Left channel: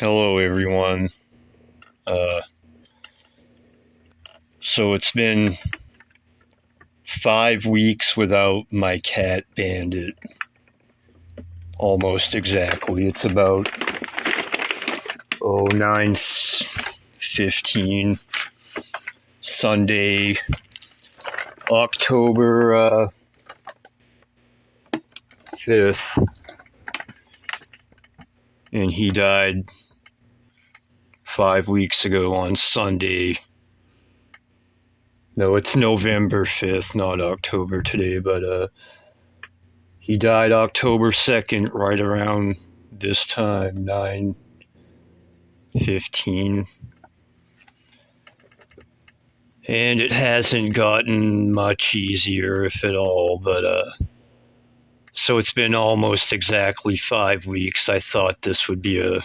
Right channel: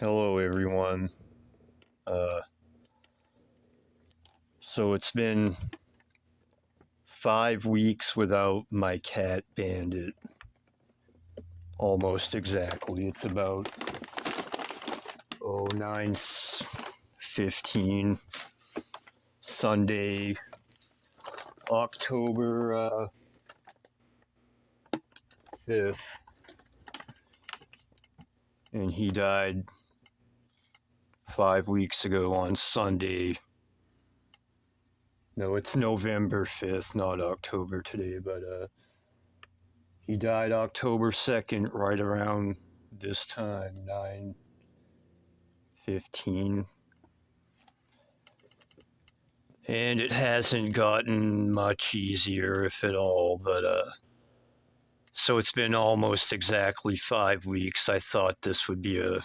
Hello, everyone. Uh, so it's been 5 weeks without my cat Bandit. Almost exactly. It's about 9:15 Sunday, October 5th, and he died 5 weeks ago on Sunday. No, it's November 5th, not October today, but he died October 2nd, right around this time, 9:15. And it hasn't gotten much easier, if at all, but so it's been almost exactly 5 weeks. I thought this would be a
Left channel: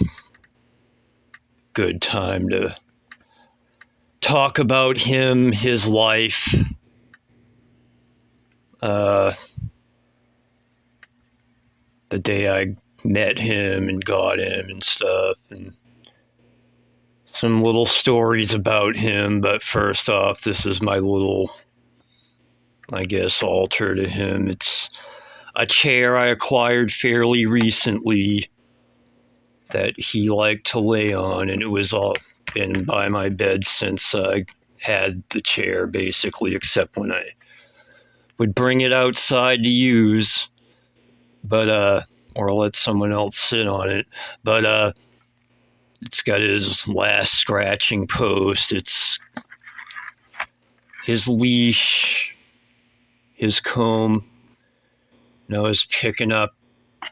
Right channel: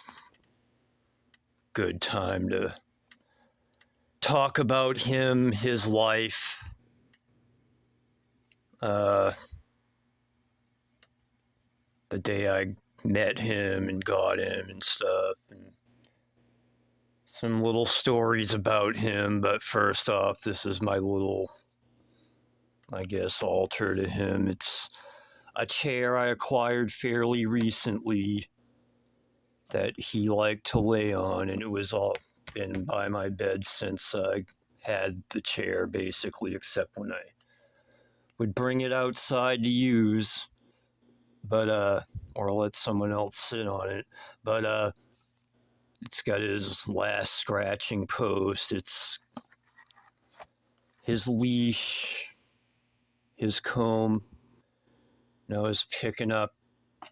good time to talk about him, his life, uh, the day I met him and got him and stuff, and some little stories about him. But first off, this is my little, I guess, altar to him. It's a chair I acquired fairly recently that he liked to lay on, and it was all been by my bed since I had the chair, basically, except when I would bring it outside to use, but or let someone else sit on it. But it's got his last scratching post. It's his leash, his comb. And I was picking up,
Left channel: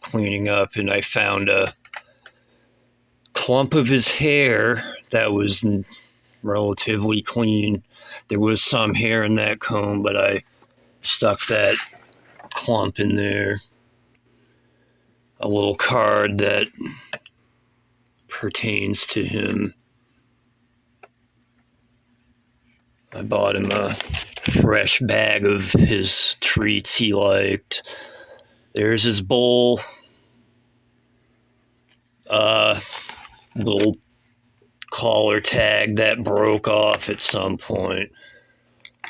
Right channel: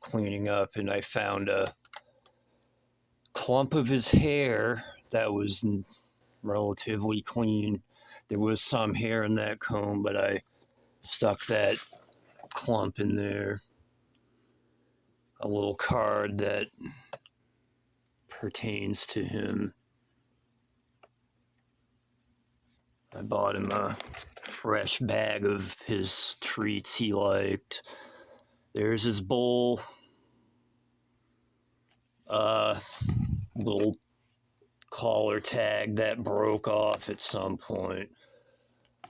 cleaning up, and I found a clump of his hair that was relatively clean. There was some hair in that comb, but I stuck that clump in there. A little card that pertains to him. I bought him a fresh bag of his treats he liked. There's his bowl. Little collar tag that broke off at some point.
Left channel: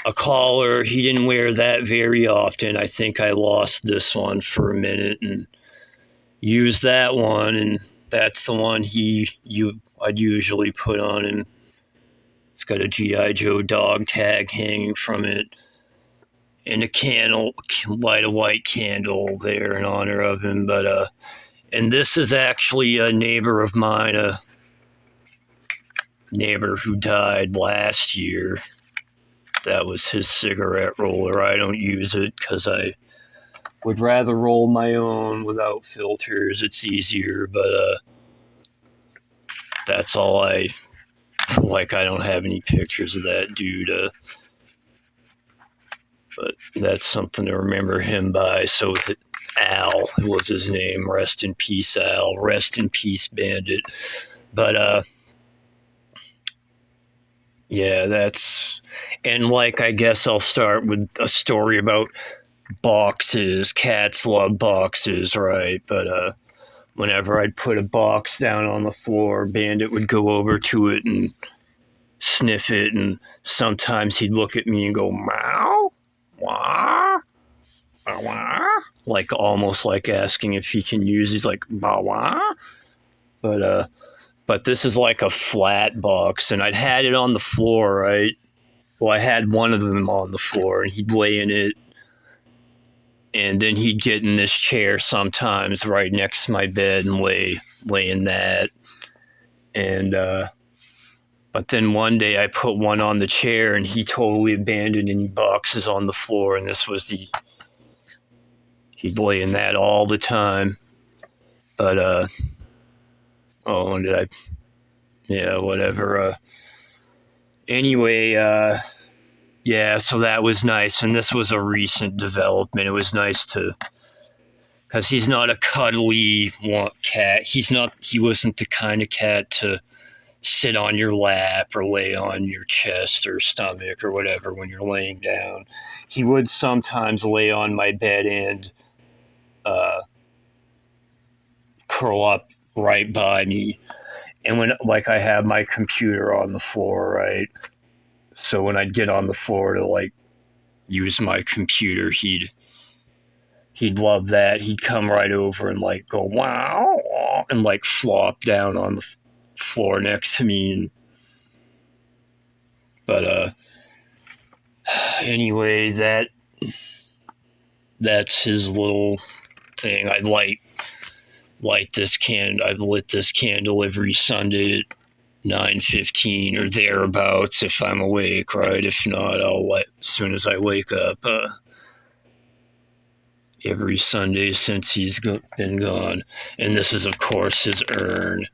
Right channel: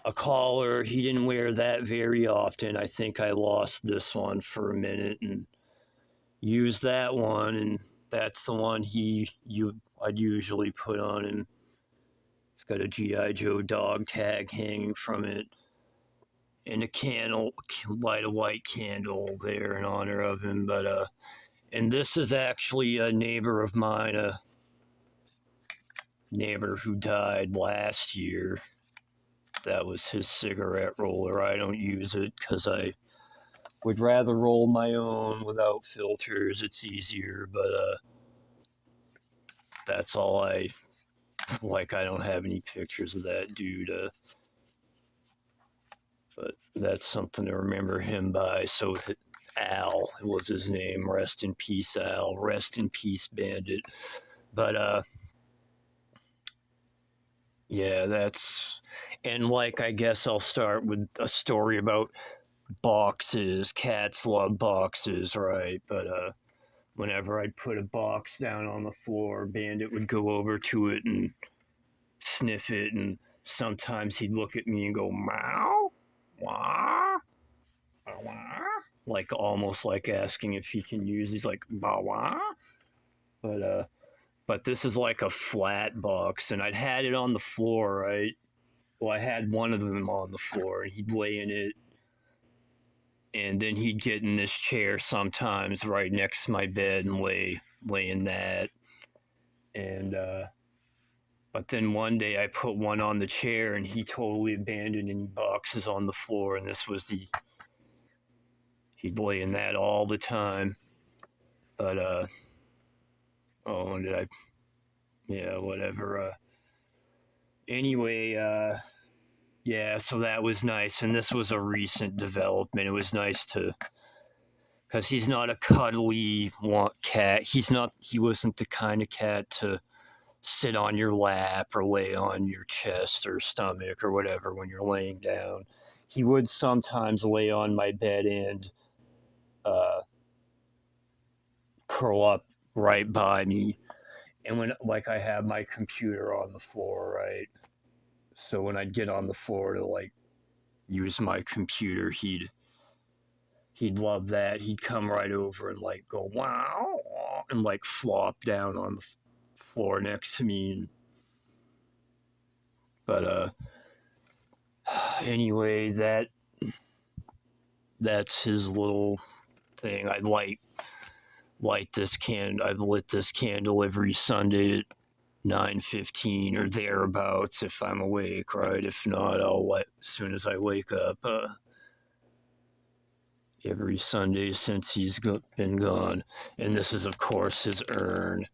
A collar, he didn't wear that very often. I think I lost this one for a minute and used that one, and that's the one I'd usually put on him. It's got a G.I. Joe dog tag hanging from it, and a candle, light a white candle there in honor of him. But and this is actually a neighbor of mine, a neighbor who died last year. That was his cigarette roller. I don't use it because I would rather roll my own without filters. It's easier, but that's all I like. I don't have any pictures of that dude, but that's something to remember him by. So Al was his name. Rest in peace, Al. Rest in peace, Bandit. But yeah, that's, and like, I guess I'll start with a story about boxes. Cats love boxes, right? But whenever I'd put a box down on the floor, Bandit would go over to it and sniff it, and sometimes he'd look at me and go, meow, wah, wah, like almost like asking if he can use. He's like, bah, wah. But this is like a flat box, and I'd had it on the floor, right? Well, I had one of them on the floor, and he'd lay in it, and then he'd get in this chair sometimes right next to my bed and lay in that. And but then one day I put one on the chair, and he totally abandoned any boxes on the floor, and this was he'd lay in that all the time. But oh, and did I? Yeah, whatever. Anyway, yeah, so that was nice, and this was a recent development. It was nice to, because he's not a cuddly cat. He wasn't the kind of cat to sit on your lap or lay on your chest or stomach or whatever when you're laying down. He would sometimes lay on my bed and uh, curl up right by me. And when, like, I have my computer on the floor, right? So when I'd get on the floor to, like, use my computer, he'd love that. He'd come right over and, like, go wow, and, like, flop down on the floor next to me. And, but anyway, that's his little thing. I light this candle. I've lit this candle every Sunday at 9:15 or thereabouts if I'm awake, right? If not, I'll light as soon as I wake up. Every Sunday since he's been gone. And this is, of course, his urn.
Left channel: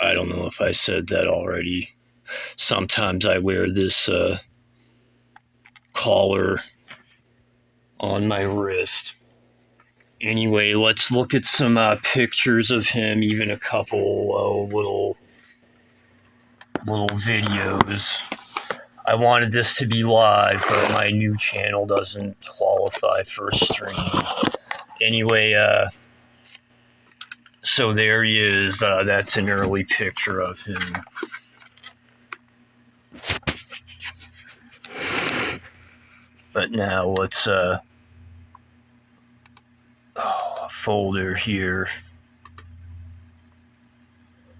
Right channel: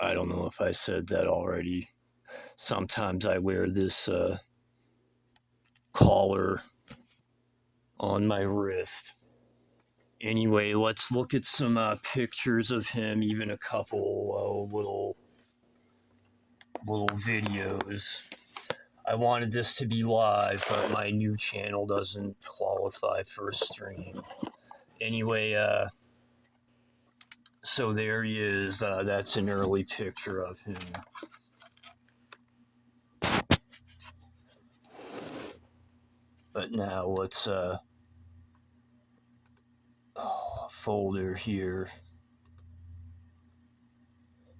I don't know if I said that already. Sometimes I wear this collar on my wrist. Anyway, let's look at some pictures of him, even a couple little videos. I wanted this to be live, but my new channel doesn't qualify for a stream. Anyway, so there he is. That's an early picture of him. But now let's folder here.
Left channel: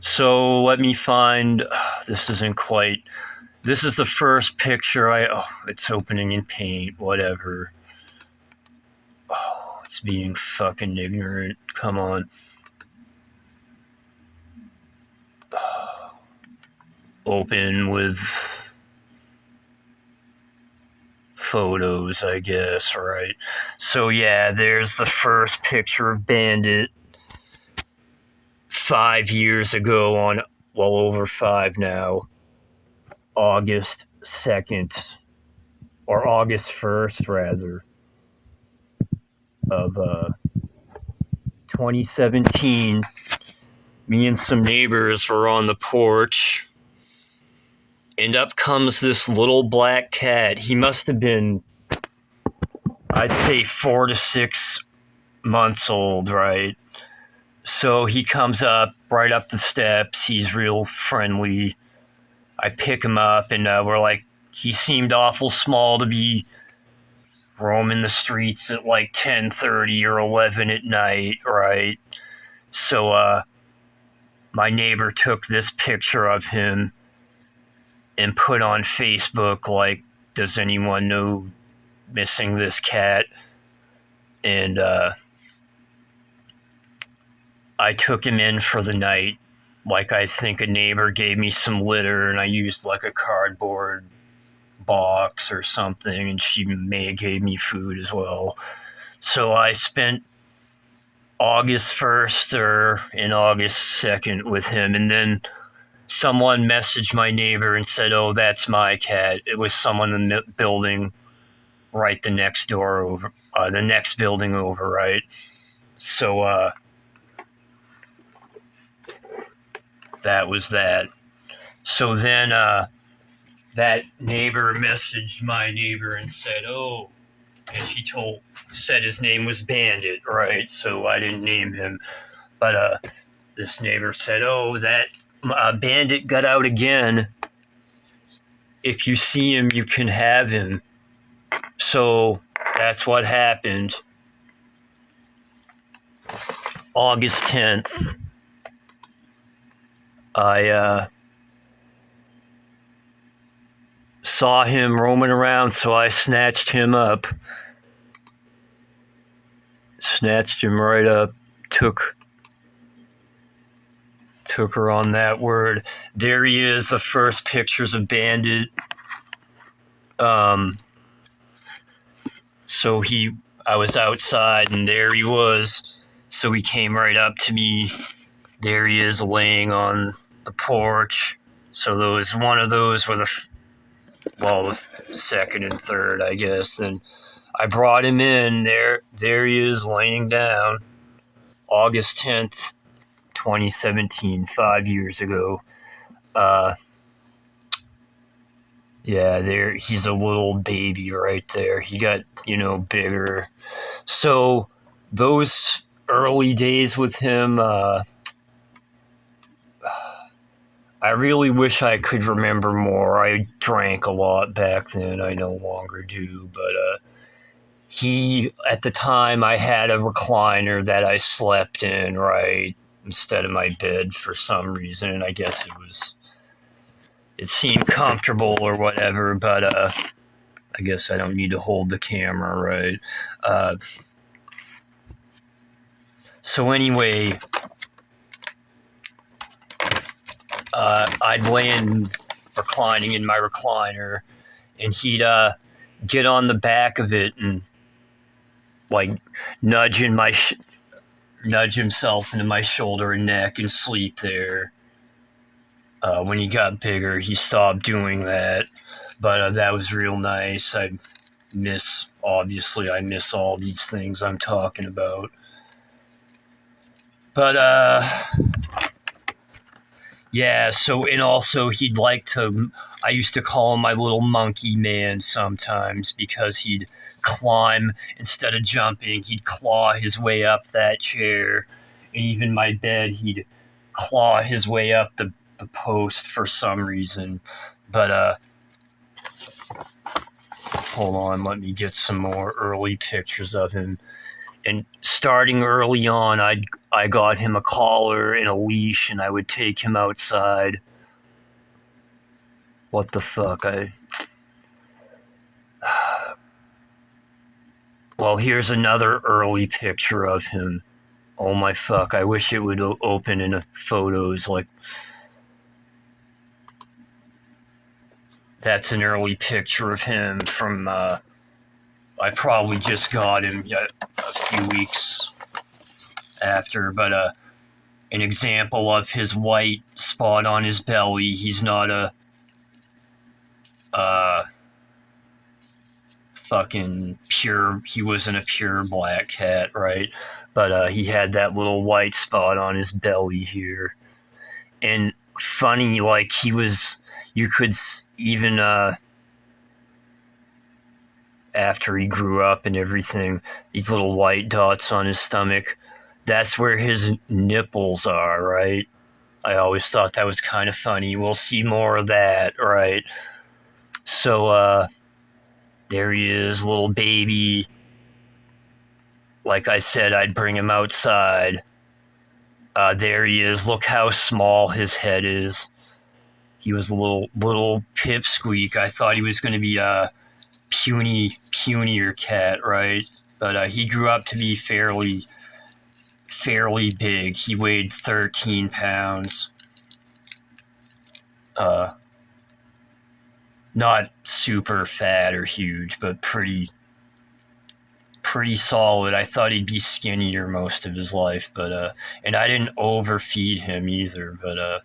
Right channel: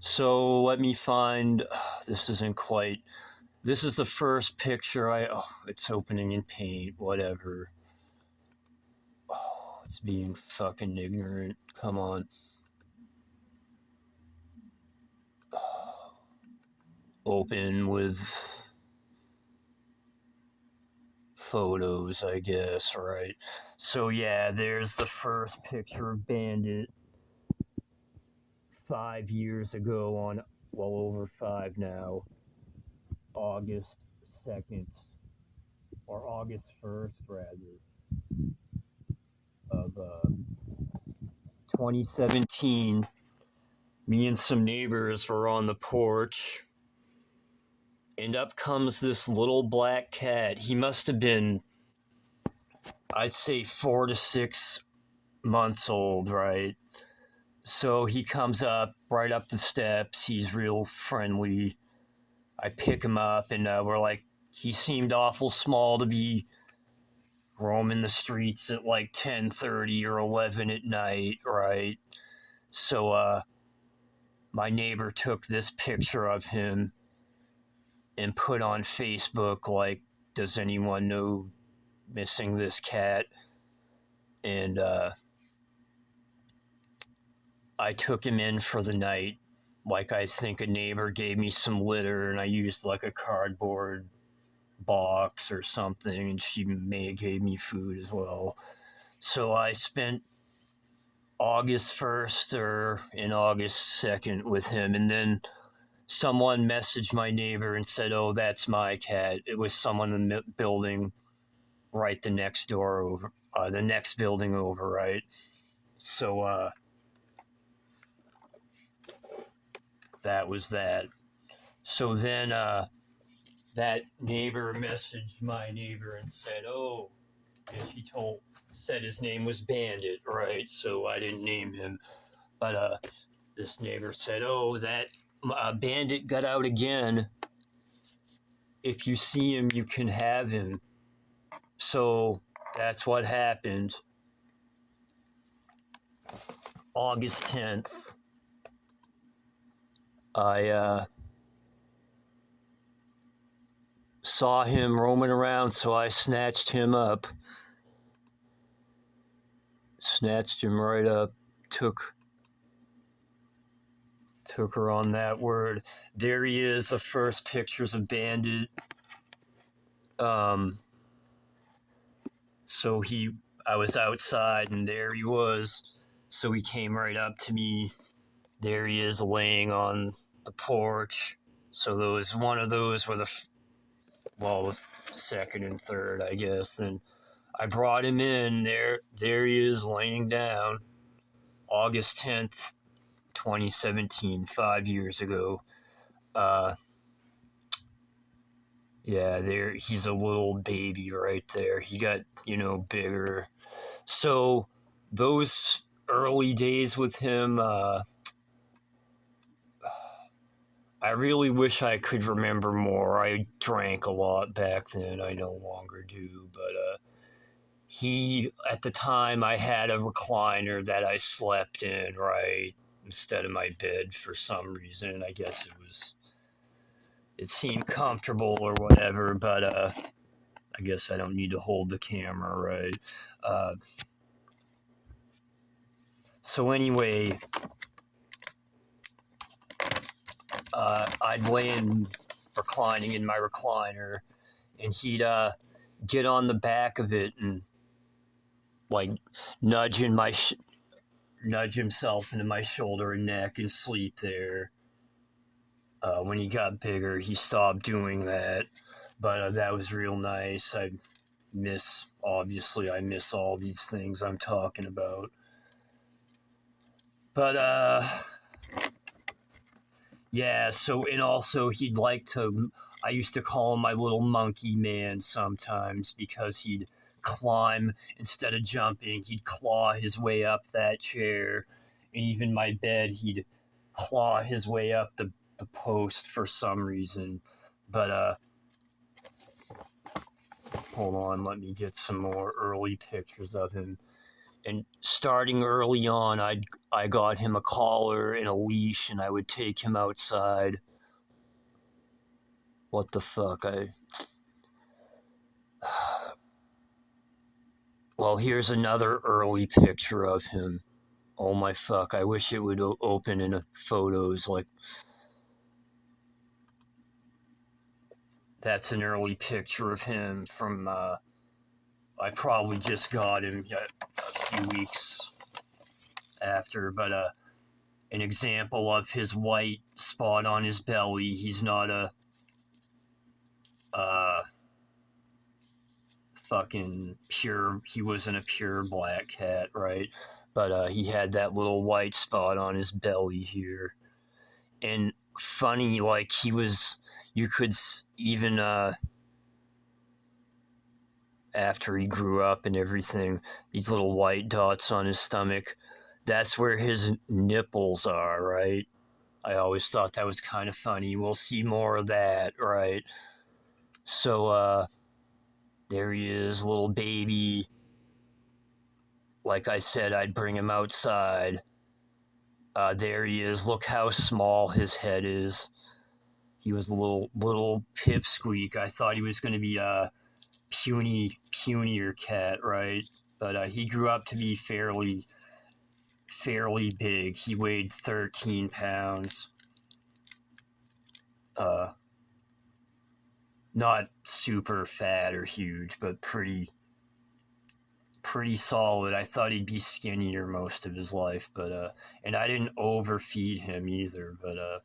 So let me find. This isn't quite. This is the first picture it's opening in Paint. Whatever. Oh, it's being fucking ignorant. Come on. Open with photos, I guess, right? So yeah, there's the first picture of Bandit 5 years ago over 5 now, August 2nd, or August 1st, rather, of 2017. Me and some neighbors were on the porch, and up comes this little black cat. He must have been, I'd say, 4 to 6 months old, right? So he comes up, right up the steps. He's real friendly. I pick him up, and we're like, he seemed awful small to be roaming the streets at like 10:30 or 11 at night, right? So my neighbor took this picture of him and put on Facebook, like, does anyone know missing this cat? And I took him in for the night. Like, I think a neighbor gave me some litter, and I used like a cardboard box or something, and she may have gave me food as well. So I spent August 1st and August 2nd with him, and then someone messaged my neighbor and said, oh, that's my cat. It was someone in the building right the next building over, right? So that was that. So then that neighbor messaged my neighbor and said, oh, and she said his name was Bandit, right? So I didn't name him. But this neighbor said, oh, that Bandit got out again. If you see him, you can have him. So that's what happened. August 10th, I saw him roaming around, so I snatched him up. Snatched him right up, took her on that word. There he is, the first pictures of Bandit. So I was outside, and there he was. So he came right up to me. There he is, laying on the porch. So one of those were the second and third, I guess. Then I brought him in. There he is, laying down. August 10th, 2017, 5 years ago. Yeah, there he's a little baby right there. He got, bigger. So those early days with him, I really wish I could remember more. I drank a lot back then. I no longer do, but he at the time I had a recliner that I slept in, right, instead of my bed for some reason, and I guess it seemed comfortable or whatever, but I guess I don't need to hold the camera, right? Uh, so anyway, I'd land reclining in my recliner, and he'd get on the back of it and like nudge nudge himself into my shoulder and neck and sleep there. When he got bigger, he stopped doing that, but that was real nice. I miss all these things I'm talking about. But yeah, so, and also he'd like to, I used to call him my little monkey man sometimes because he'd climb, instead of jumping, he'd claw his way up that chair. And even my bed, he'd claw his way up the post for some reason. But hold on, let me get some more early pictures of him. And starting early on, I got him a collar and a leash, and I would take him outside. What the fuck? Well, here's another early picture of him. Oh my fuck! I wish it would open in photos. Like, that's an early picture of him from. I probably just got him a few weeks after, but an example of his white spot on his belly. He's not a fucking pure, he wasn't a pure black cat, right? But he had that little white spot on his belly here. And funny, like, you could even, after he grew up and everything, these little white dots on his stomach, that's where his nipples are, right? I always thought that was kind of funny. We'll see more of that, right? So, there he is, little baby. Like I said, I'd bring him outside. There he is. Look how small his head is. He was a little pipsqueak. I thought he was going to be a punier cat, right? But he grew up to be fairly big. He weighed 13 pounds. Not super fat or huge, but pretty solid. I thought he'd be skinnier most of his life, but and I didn't overfeed him either, but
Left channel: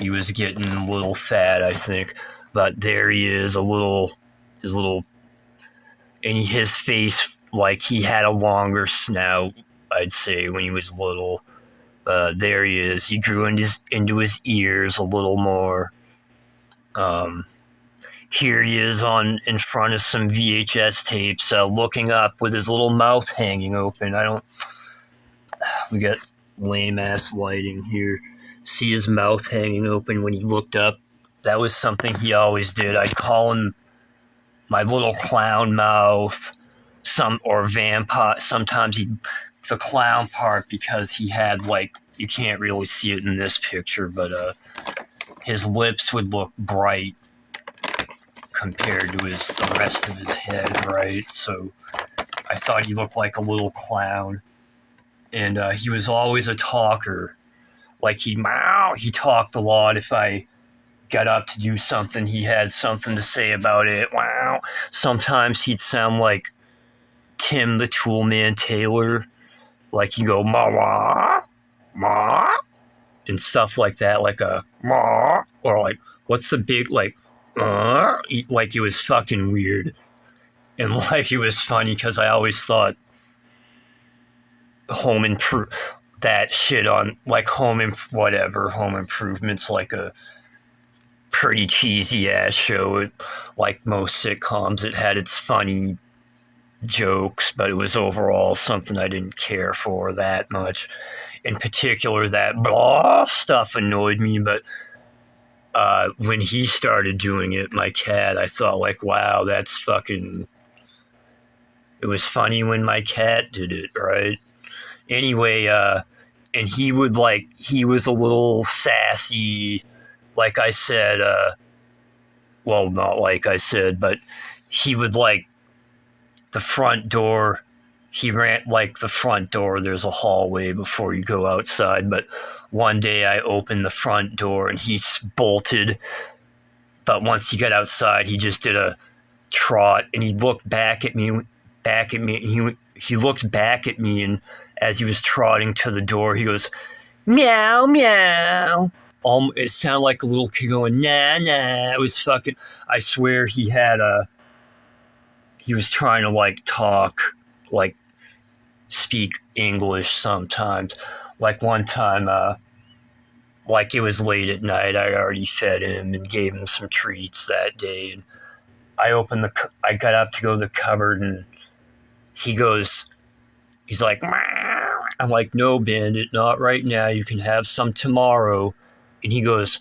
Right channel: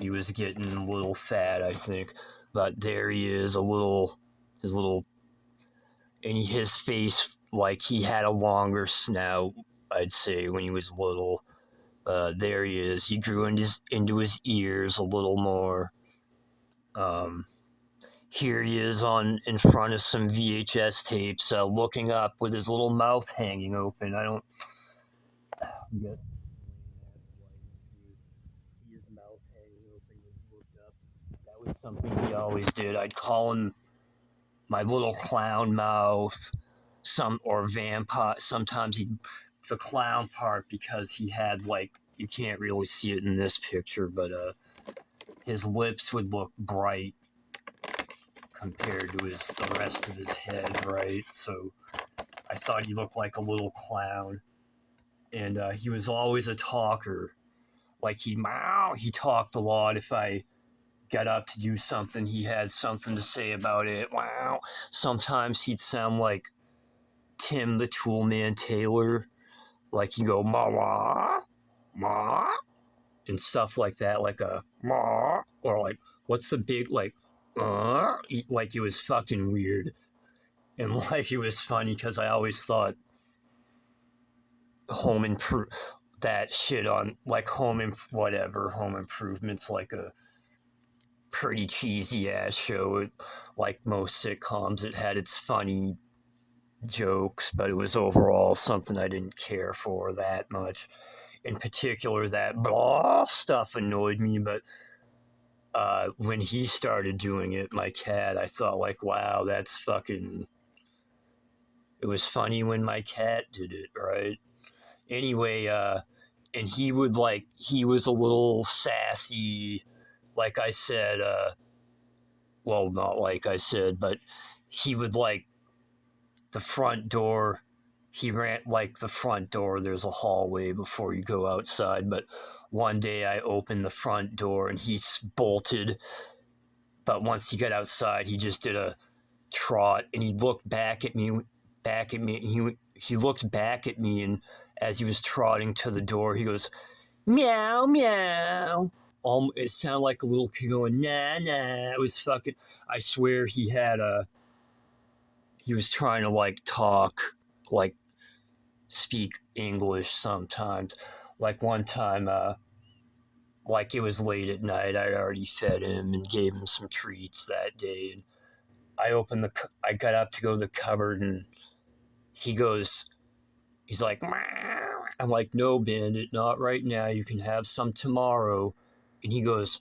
he was getting a little fat, I think. But there he is, his little, and his face, like, he had a longer snout, I'd say, when he was little. There he is. He grew into his ears a little more. Here he is in front of some VHS tapes, looking up with his little mouth hanging open. We got lame ass lighting here. See his mouth hanging open when he looked up. That was something he always did. I'd call him my little clown mouth, or vampire. Sometimes the clown part, because he had, like, you can't really see it in this picture, but his lips would look bright compared to the rest of his head, right? So I thought he looked like a little clown. And he was always a talker. Like, he talked a lot. If I got up to do something, he had something to say about it. Wow. Sometimes he'd sound like Tim the Toolman Taylor. Like, he'd go, ma, ma, and stuff like that. Like a ma, or like, what's the big, like, like, it was fucking weird. And, like, it was funny because I always thought that shit on, like, Home Improvement's like a pretty cheesy ass show. Like most sitcoms, it had its funny jokes, but it was overall something I didn't care for that much. In particular, that blah stuff annoyed me, but when he started doing it, my cat, I thought, like, wow, that's fucking. It was funny when my cat did it, right? Anyway, and he was a little sassy, like I said, well, not like I said, but he would like the front door. He ran like the front door. There's a hallway before you go outside. But one day I opened the front door and he bolted. But once he got outside, he just did a trot and he looked back at me. He looked back at me, and as he was trotting to the door, he goes, meow meow. It sounded like a little kid going nah nah. It was fucking. I swear he was trying to like talk, like speak English sometimes. Like one time, like it was late at night. I already fed him and gave him some treats that day. And I got up to go to the cupboard, and he's like, meow. I'm like, no, Bandit, not right now. You can have some tomorrow. And he goes,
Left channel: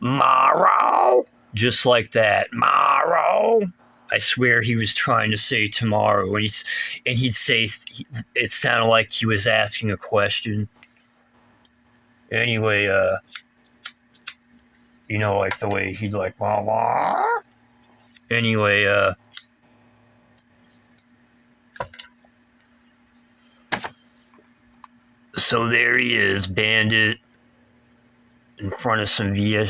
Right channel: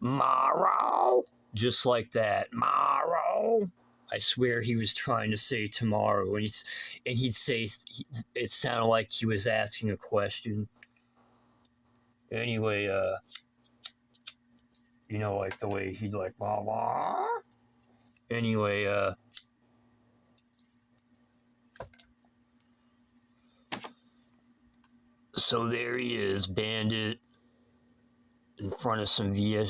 Morrow, just like that, Morrow. I swear he was trying to say tomorrow, and he'd say it sounded like he was asking a question. Anyway, like the way he'd like wah wah. Anyway, so there he is, Bandit, in front of some Via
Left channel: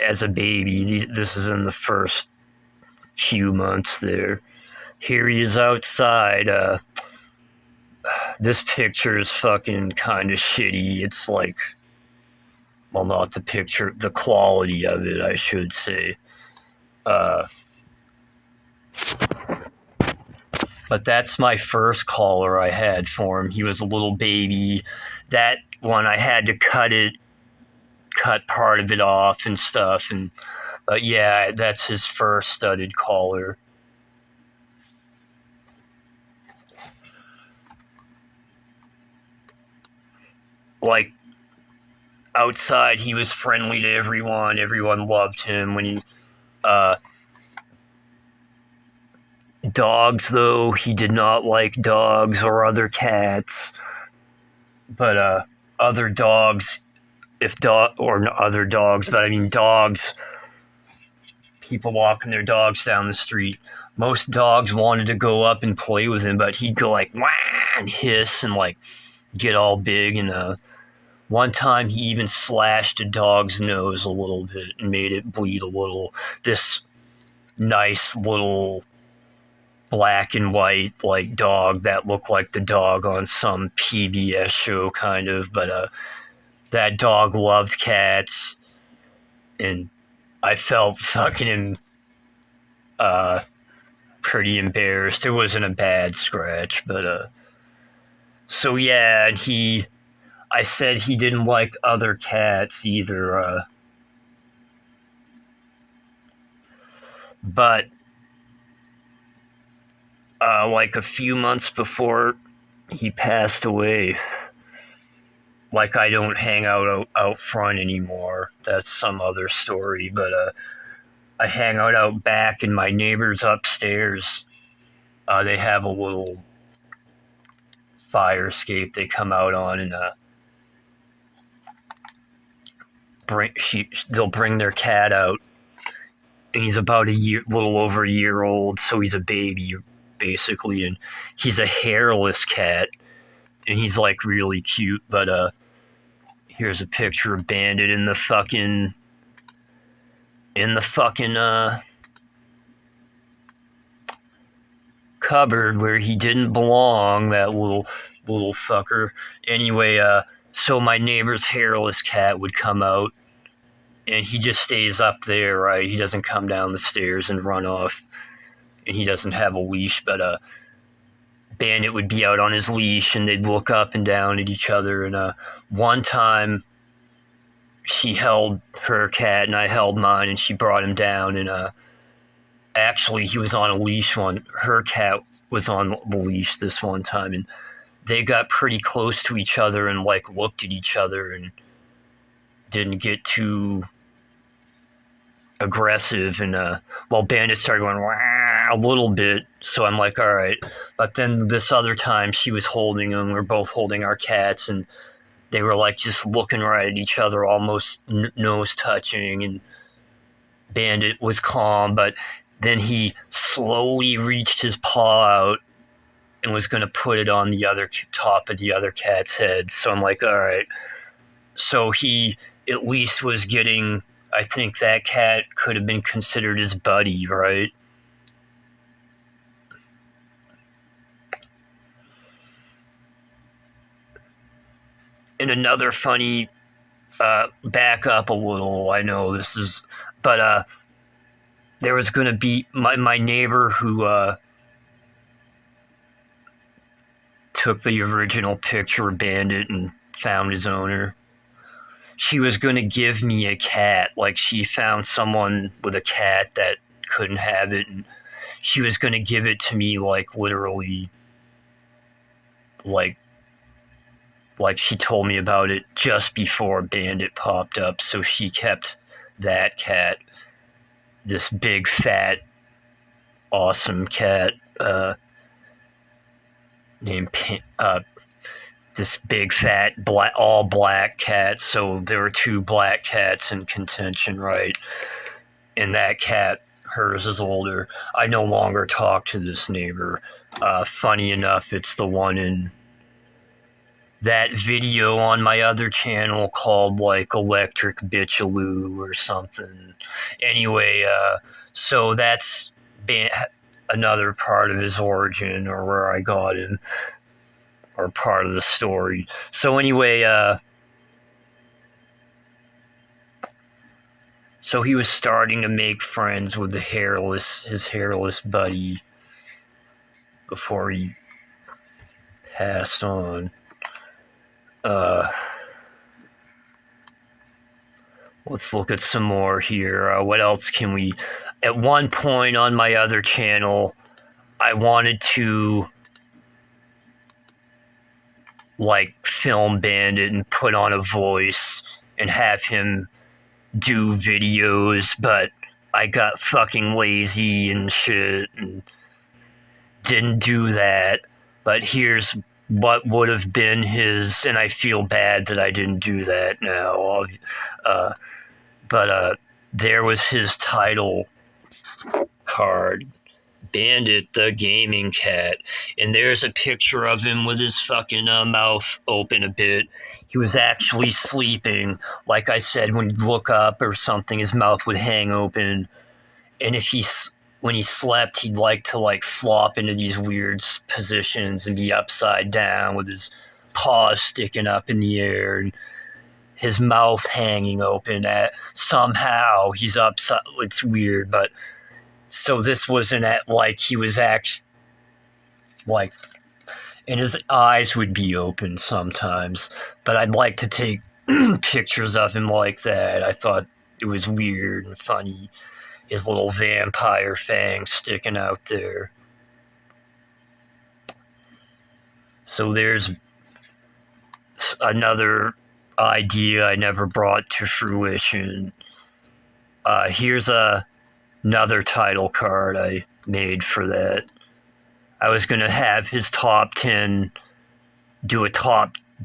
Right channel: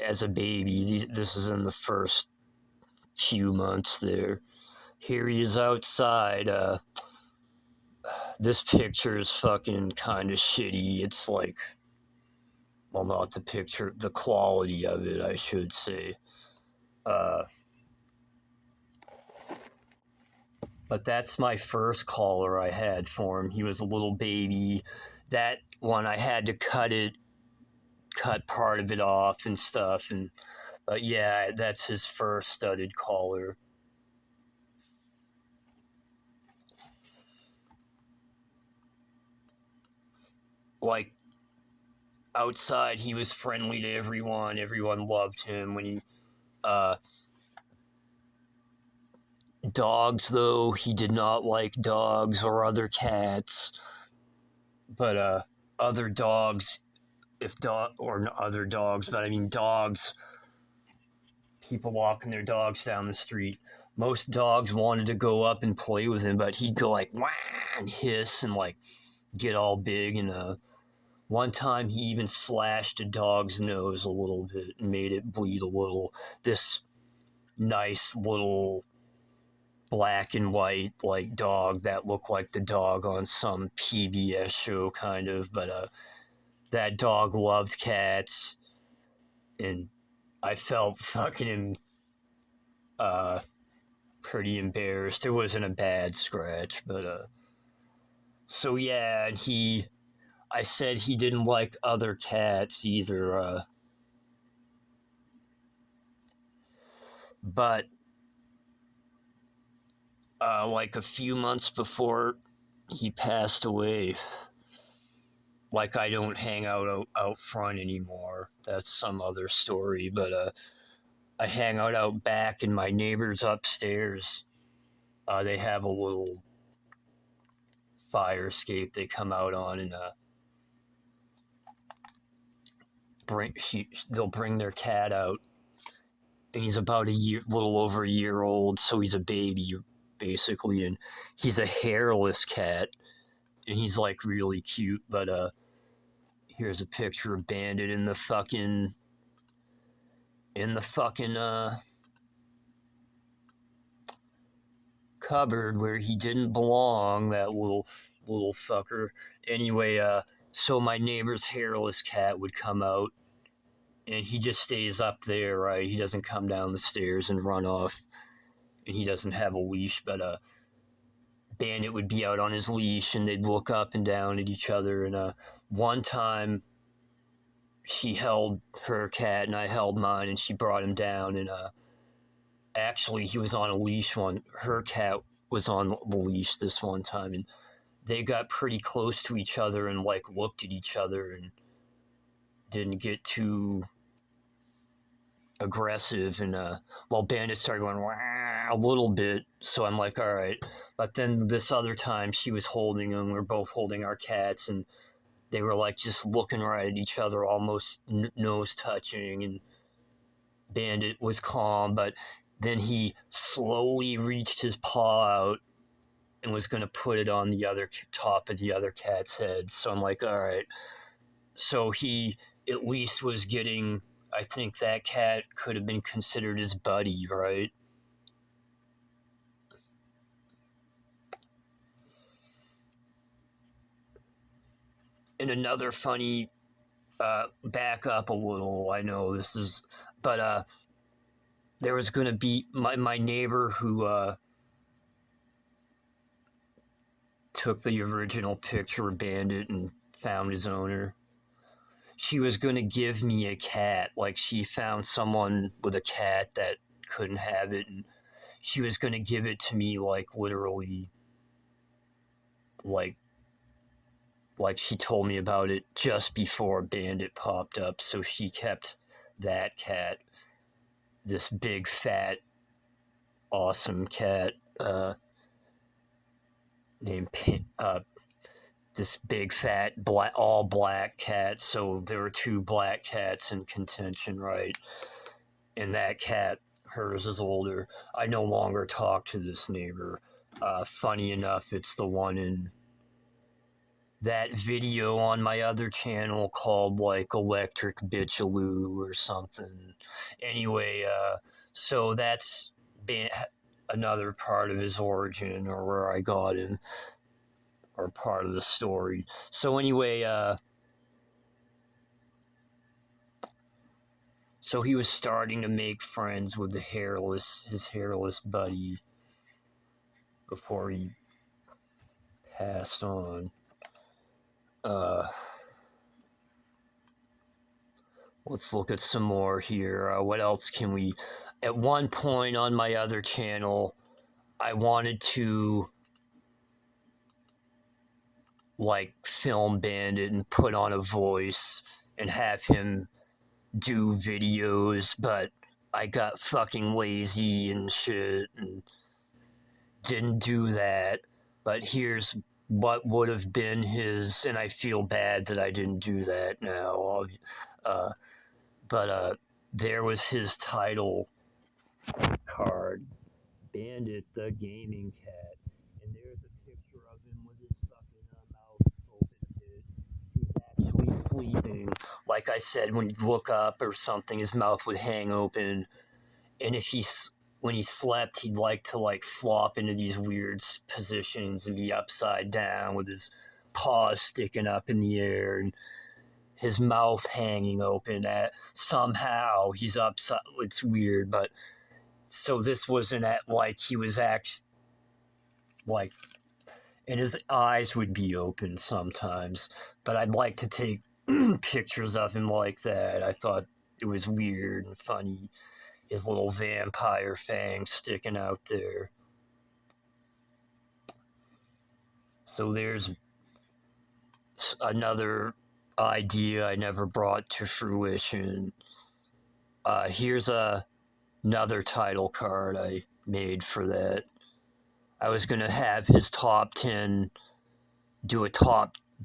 as a baby. This is in the first few months there. Here he is outside. This picture is fucking kind of shitty. It's like, well, not the picture, the quality of it, I should say. But that's my first collar I had for him. He was a little baby. That one I had to cut part of it off and stuff. But yeah, that's his first studded collar. Like, outside, he was friendly to everyone. Everyone loved him when he. Dogs, though, he did not like dogs or other cats. But other dogs, or other dogs, but I mean dogs. People walking their dogs down the street. Most dogs wanted to go up and play with him, but he'd go like wah and hiss and like get all big. And one time he even slashed a dog's nose a little bit and made it bleed a little. This nice little black and white like dog that looked like the dog on some PBS show kind of, but that dog loved cats, and I felt fucking pretty embarrassed. It wasn't a bad scratch, but so yeah, and I said he didn't like other cats either, but like a few months before he passed away, like I don't hang out front anymore. That's some other story, but I hang out back, and my neighbors upstairs, they have a little fire escape they come out on, and they'll bring their cat out, and he's about little over a year old, so he's a baby basically, and he's a hairless cat, and he's like really cute. But here's a picture of Bandit in the fucking cupboard where he didn't belong, that little fucker. Anyway, so my neighbor's hairless cat would come out, and he just stays up there, right? He doesn't come down the stairs and run off, and he doesn't have a leash, but Bandit would be out on his leash, and they'd look up and down at each other. And one time, she held her cat, and I held mine, and she brought him down. And actually, he was on a leash. Her cat was on the leash this one time, and they got pretty close to each other and like looked at each other and didn't get too aggressive. And well, Bandit started going a little bit, so I'm like, all right. But then this other time, she was holding him. We were both holding our cats, and they were like just looking right at each other, almost nose touching. And Bandit was calm, but then he slowly reached his paw out and was going to put it on the other top of the other cat's head. So I'm like, all right. So he at least was getting, I think that cat could have been considered his buddy, right? And another funny, back up a little, I know this is, but there was going to be my neighbor who took the original picture of Bandit and found his owner. She was going to give me a cat. Like, she found someone with a cat that couldn't have it, and she was going to give it to me, like, literally, like she told me about it just before Bandit popped up. So she kept that cat, this big, fat, awesome cat, named this big, fat, all black cat. So there were two black cats in contention, right? And that cat, hers is older. I no longer talk to this neighbor. Funny enough, it's the one in that video on my other channel called like Electric Bitchaloo or something. Anyway, so that's another part of his origin, or where I got him, or part of the story. So anyway, so he was starting to make friends with his hairless buddy before he passed on. Let's look at some more here. What else can we... At one point on my other channel, I wanted to like film Bandit and put on a voice and have him do videos, but I got fucking lazy and shit and didn't do that. But here's what would have been his, and I feel bad that I didn't do that now. But there was his title card, Bandit the Gaming Cat, and there's a picture of him with his fucking mouth open a bit. He was actually sleeping. Like I said, when he'd look up or something, his mouth would hang open, and when he slept, he'd like to like flop into these weird positions and be upside down with his paws sticking up in the air and his mouth hanging open. Somehow he's upside. It's weird, but so this wasn't like he was actually like, and his eyes would be open sometimes. But I'd like to take pictures of him like that. I thought it was weird and funny. His little vampire fangs sticking out there. So there's another idea I never brought to fruition. Here's another title card I made for that. I was going to have his top 10, do a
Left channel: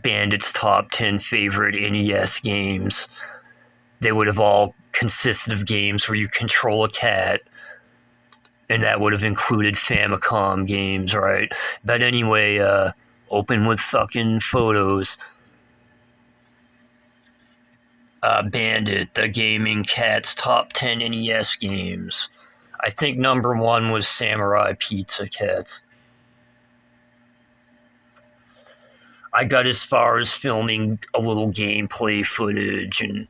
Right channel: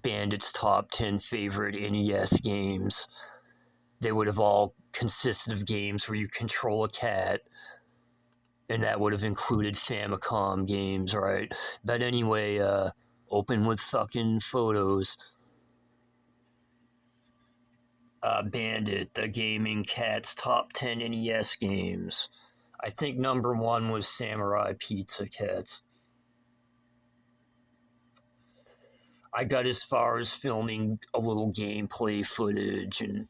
Bandit's top 10 favorite NES games. They would have all consisted of games where you control a cat, and that would have included Famicom games, right? But anyway, open with fucking photos. Bandit, the Gaming Cat's top 10 NES games. I think number 1 was Samurai Pizza Cats. I got as far as filming a little gameplay footage and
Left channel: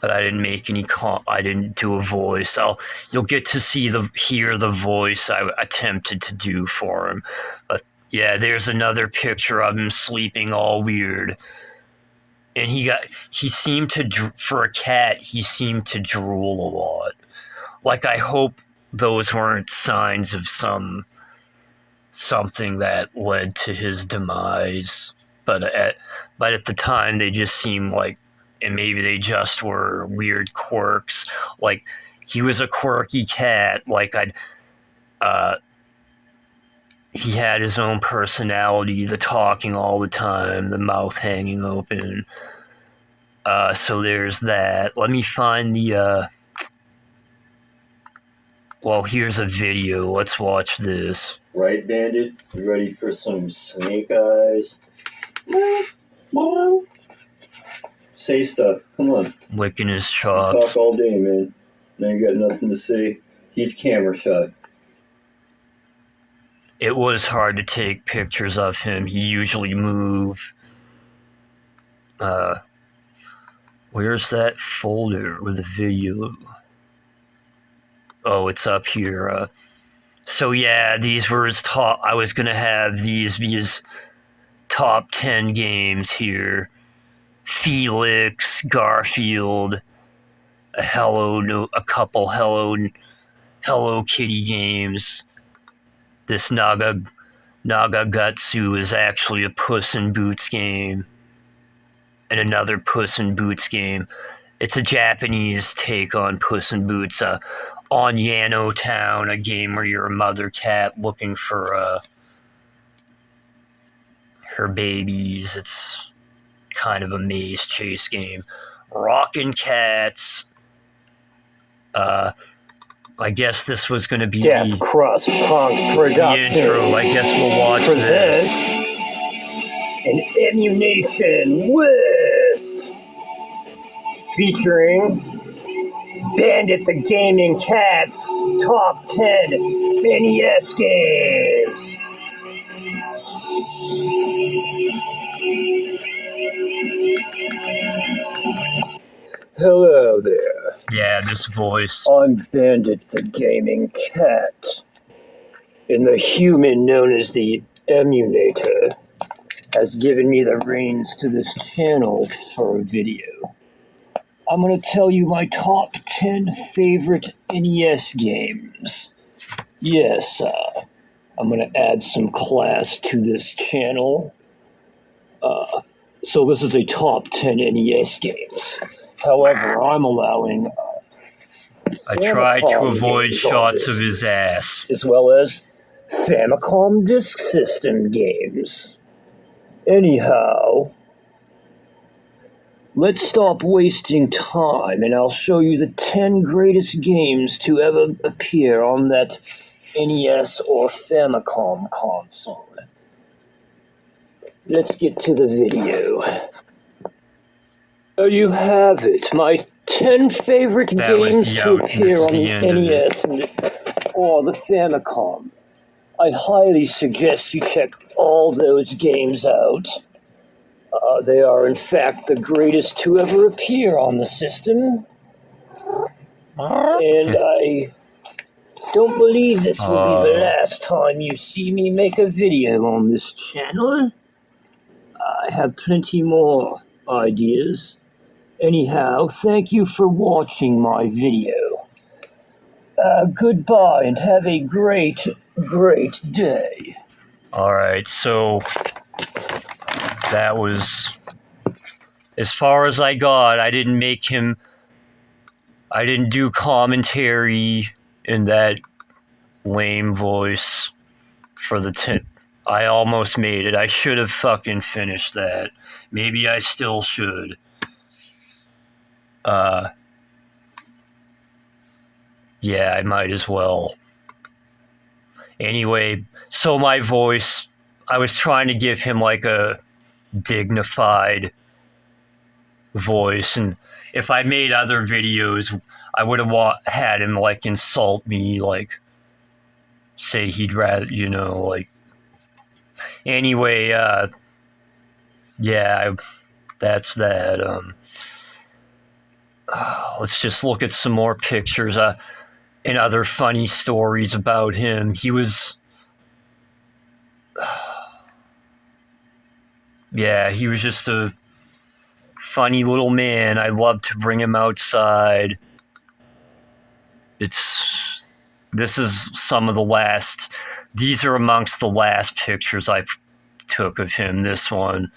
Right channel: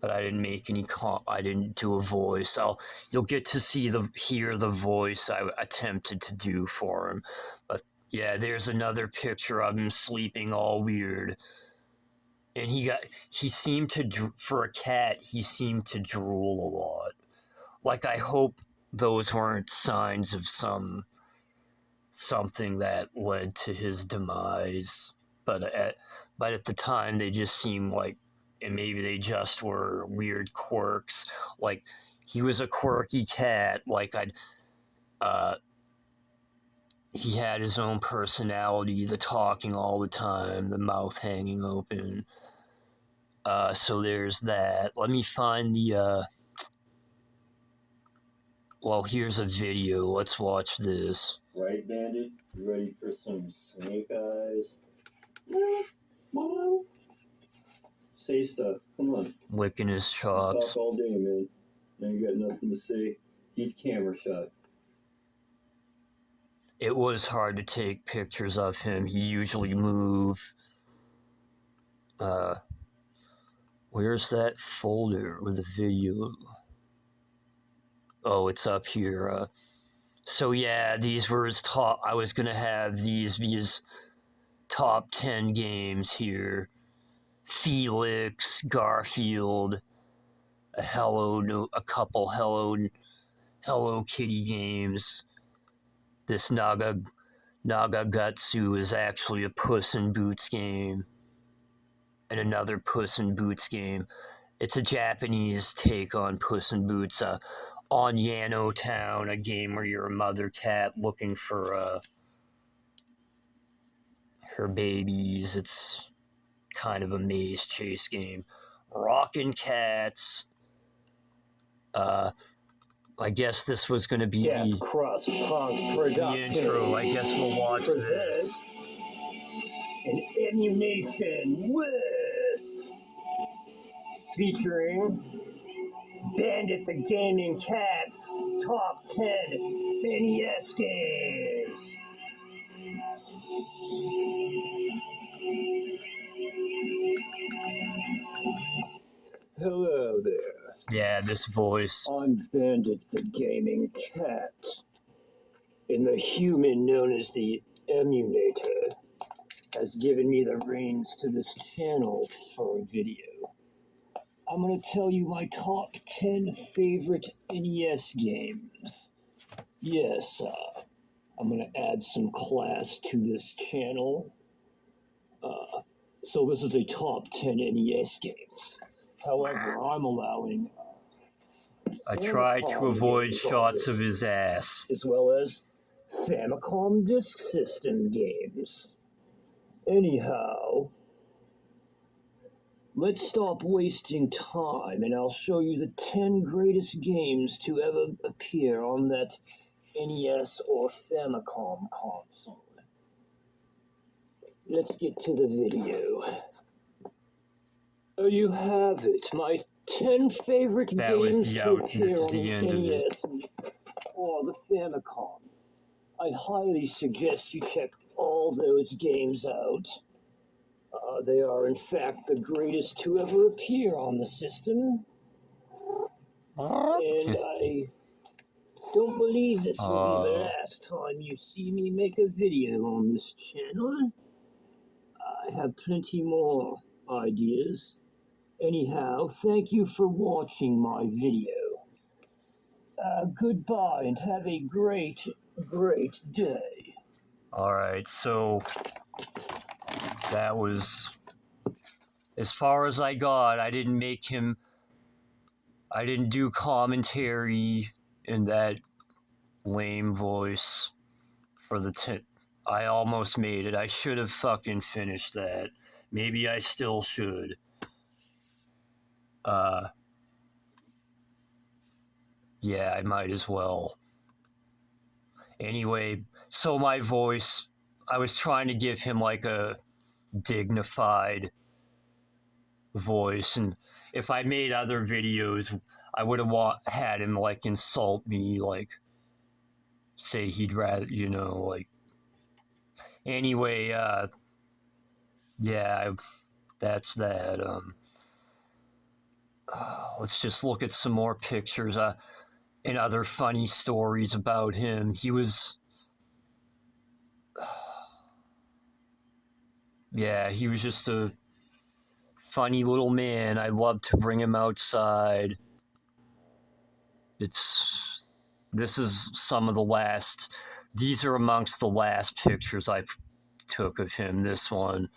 but I didn't make any I didn't do a voice. You'll get to hear the voice I attempted to do for him. But yeah, there's another picture of him sleeping all weird. and he seemed to, for a cat, he seemed to drool a lot. Like, I hope those weren't signs of something that led to his demise. But at the time, they just seemed like, and maybe they just were weird quirks. Like, he was a quirky cat. Like, he had his own personality, the talking all the time, the mouth hanging open. So there's that. Let me find the, well, here's a video. Let's watch this. Right, Bandit? You ready for some snake eyes? Say stuff. Come on. Licking his You chops. talk all day, man. Now you got nothing to say. He's camera shy. It was hard to take pictures of him. He usually moved. Where's that folder with the video? Oh, it's up here. So yeah, these were his top. I was gonna have these be his top 10 games here. Felix, Garfield, a couple Hello Kitty games. This Nagagatsu is actually a Puss in Boots game. And another Puss in Boots game. It's a Japanese take on Puss in Boots. On Yano Town, a game where you're a mother cat looking for her babies. It's kind of a maze chase game. Rockin' Cats. I guess this was going to be Death Crust Punk the intro. I guess we'll watch this. An Ammunition List featuring Bandit the Gaming Cat's Top 10 NES Games. Hello there. Yeah, this voice. I'm Bandit the Gaming Cat, and the human known as the Emulator has given me the reins to this channel for a video. I'm going to tell you my top 10 favorite NES games. Yes, I'm going to add some class to this channel. So this is a top 10 NES games. However, I'm allowing I tried to avoid shots of his ass. as well as Famicom Disk System games. Anyhow, let's stop wasting time and I'll show you the 10 greatest games to ever appear on that NES or Famicom console. Let's get to the video. There you have it, my 10 favorite games to appear on the NES or the Famicom. I highly suggest you check all those games out. They are, in fact, the greatest to ever appear on the system. And I don't believe this will be the last time you see me make a video on this channel. I have plenty more ideas. Anyhow, thank you for watching my video. Goodbye and have a great, great day. Alright, so that was as far as I got. I didn't do commentary in that lame voice for the 10. I almost made it. I should have fucking finished that. Maybe I still should. Yeah, I might as well. Anyway, so my voice, I was trying to give him like a dignified voice, and if I made other videos, I would have had him like insult me, like say he'd rather, like. Anyway, yeah, that's that. Let's just look at some more pictures and other funny stories about him. He was, yeah, he was just a funny little man. I love to bring him outside. This is some of the last. These are amongst the last pictures I took of him. This one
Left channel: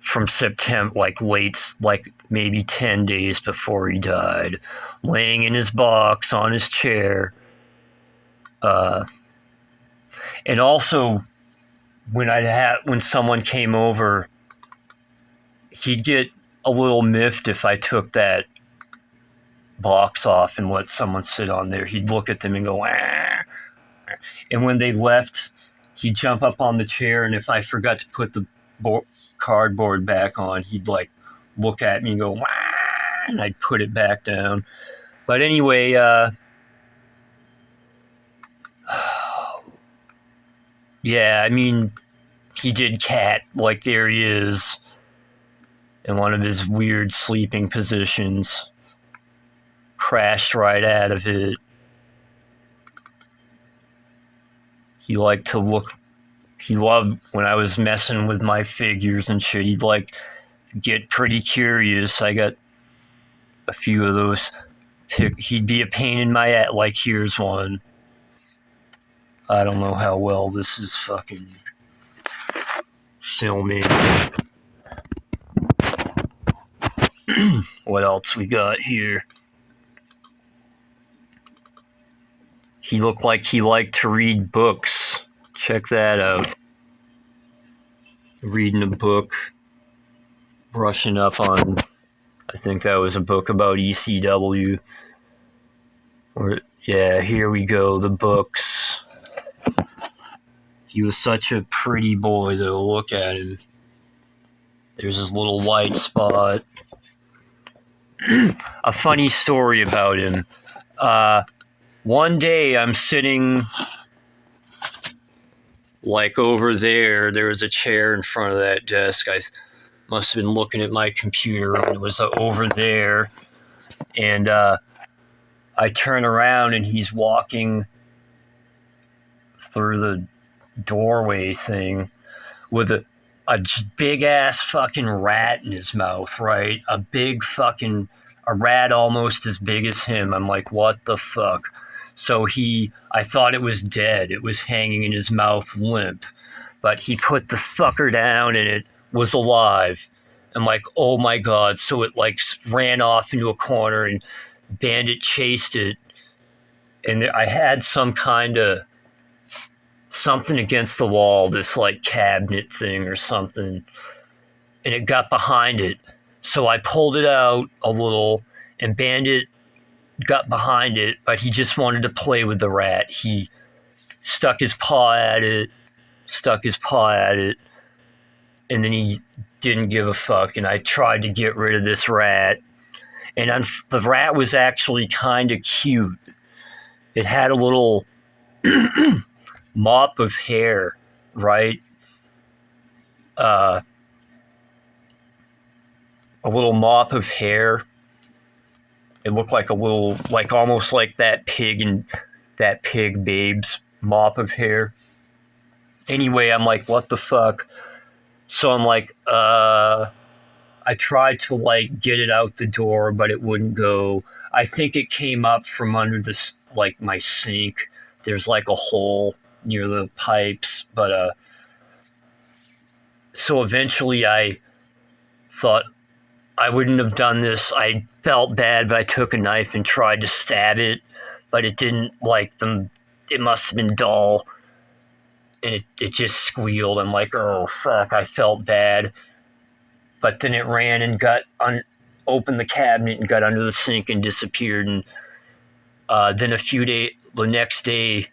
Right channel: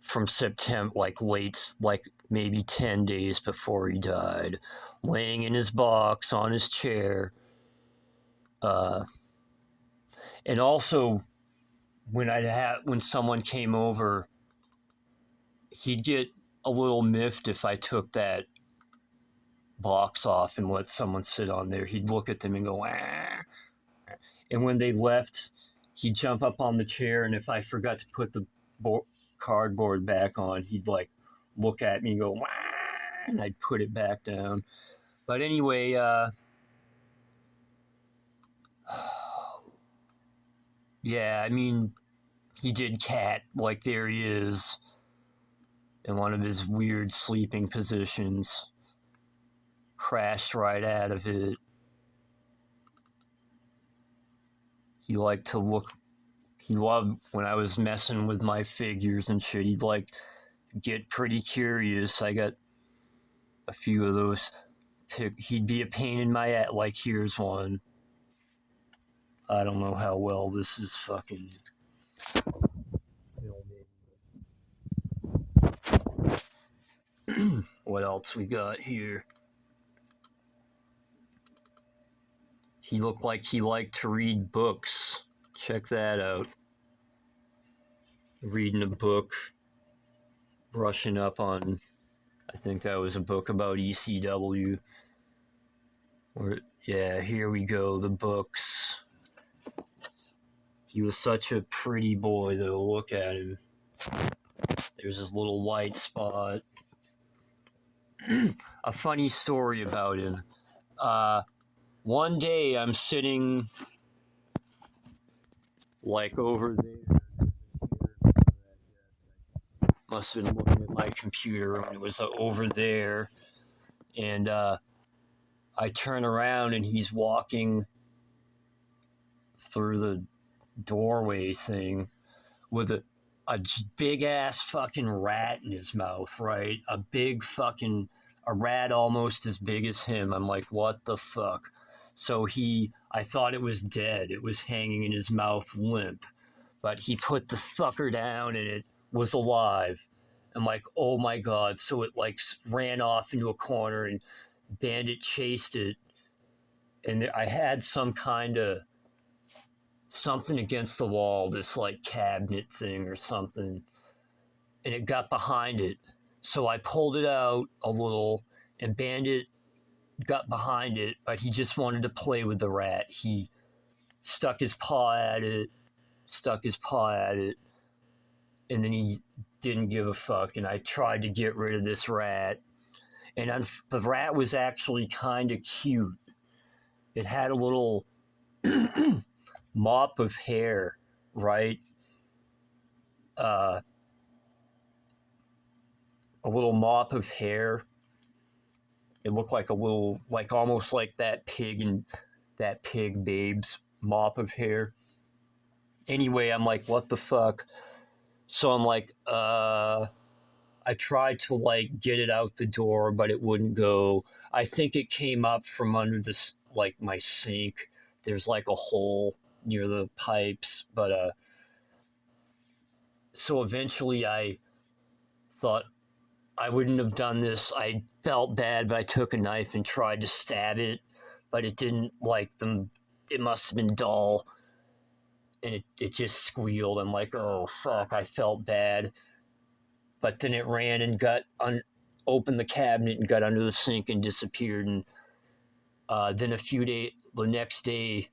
from September, like maybe 10 days before he died, laying in his box on his chair. And also, when someone came over, he'd get a little miffed if I took that box off and let someone sit on there. He'd look at them and go, ah. And when they left, he'd jump up on the chair, and if I forgot to put the cardboard back on, he'd like look at me and go, wah, and I'd put it back down. But anyway, yeah, I mean, he did cat, like there he is in one of his weird sleeping positions, crashed right out of it. He liked to look, he loved when I was messing with my figures and shit, he'd like get pretty curious. I got a few of those. He'd be a pain in my ass. Like, here's one. I don't know how well this is fucking filming. What else we got here? He looked like he liked to read books. Check that out. Reading a book. Brushing up on, I think that was a book about ECW. Yeah, here we go, the books. He was such a pretty boy, though. Look at him. There's his little white spot. A funny story about him. One day I'm sitting like over there. There was a chair in front of that desk. I must have been looking at my computer when it was over there. And I turn around and he's walking through the doorway thing with a big ass fucking rat in his mouth, right? A rat almost as big as him. I'm like, what the fuck? So I thought it was dead. It was hanging in his mouth limp. But he put the fucker down and it was alive. I'm like, oh my God. So it like ran off into a corner and Bandit chased it. And I had some kind of something against the wall, this like cabinet thing or something, and it got behind it. So I pulled it out a little, and Bandit got behind it, but he just wanted to play with the rat. He stuck his paw at it, and then he didn't give a fuck, and I tried to get rid of this rat. And the rat was actually kind of cute. It had a little mop of hair, right? A little mop of hair. It looked like a little, like almost like that pig Babe's mop of hair. Anyway, I'm like, what the fuck? So I'm like, I tried to like get it out the door, but it wouldn't go. I think it came up from under this, like my sink. There's like a hole near the pipes, but so eventually I thought I wouldn't have done this. I felt bad, but I took a knife and tried to stab it, but it didn't like them. It must have been dull, and it just squealed. I'm like, oh fuck! I felt bad, but then it ran and opened the cabinet and got under the sink and disappeared. And then the next day,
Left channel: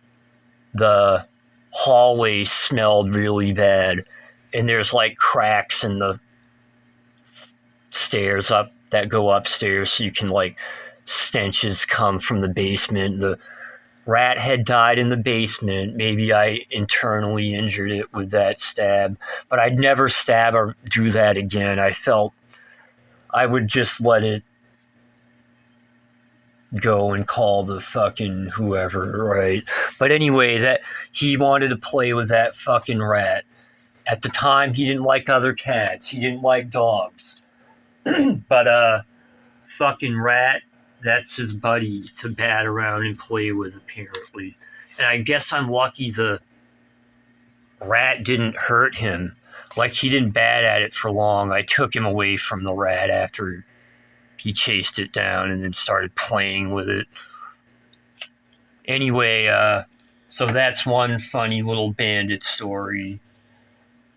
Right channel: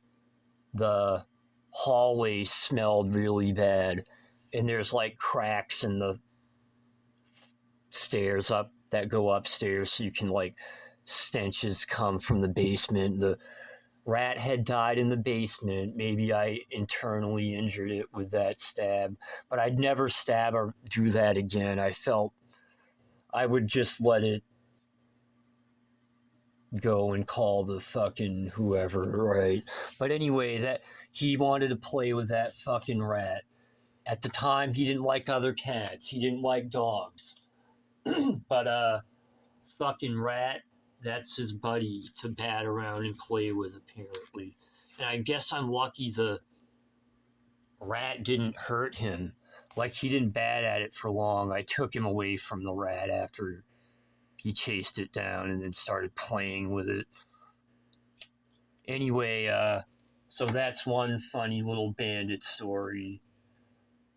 the hallway smelled really bad, and there's like cracks in the stairs that go upstairs, so you can like stenches come from the basement. The rat had died in the basement. Maybe I internally injured it with that stab, but I'd never stab or do that again. I felt I would just let it go and call the fucking whoever, right? But anyway, that he wanted to play with that fucking rat. At the time, he didn't like other cats. He didn't like dogs. But fucking Rat, that's his buddy to bat around and play with, apparently. And I guess I'm lucky the Rat didn't hurt him. Like, he didn't bat at it for long. I took him away from the Rat after he chased it down and then started playing with it. Anyway, so that's one funny little Bandit story.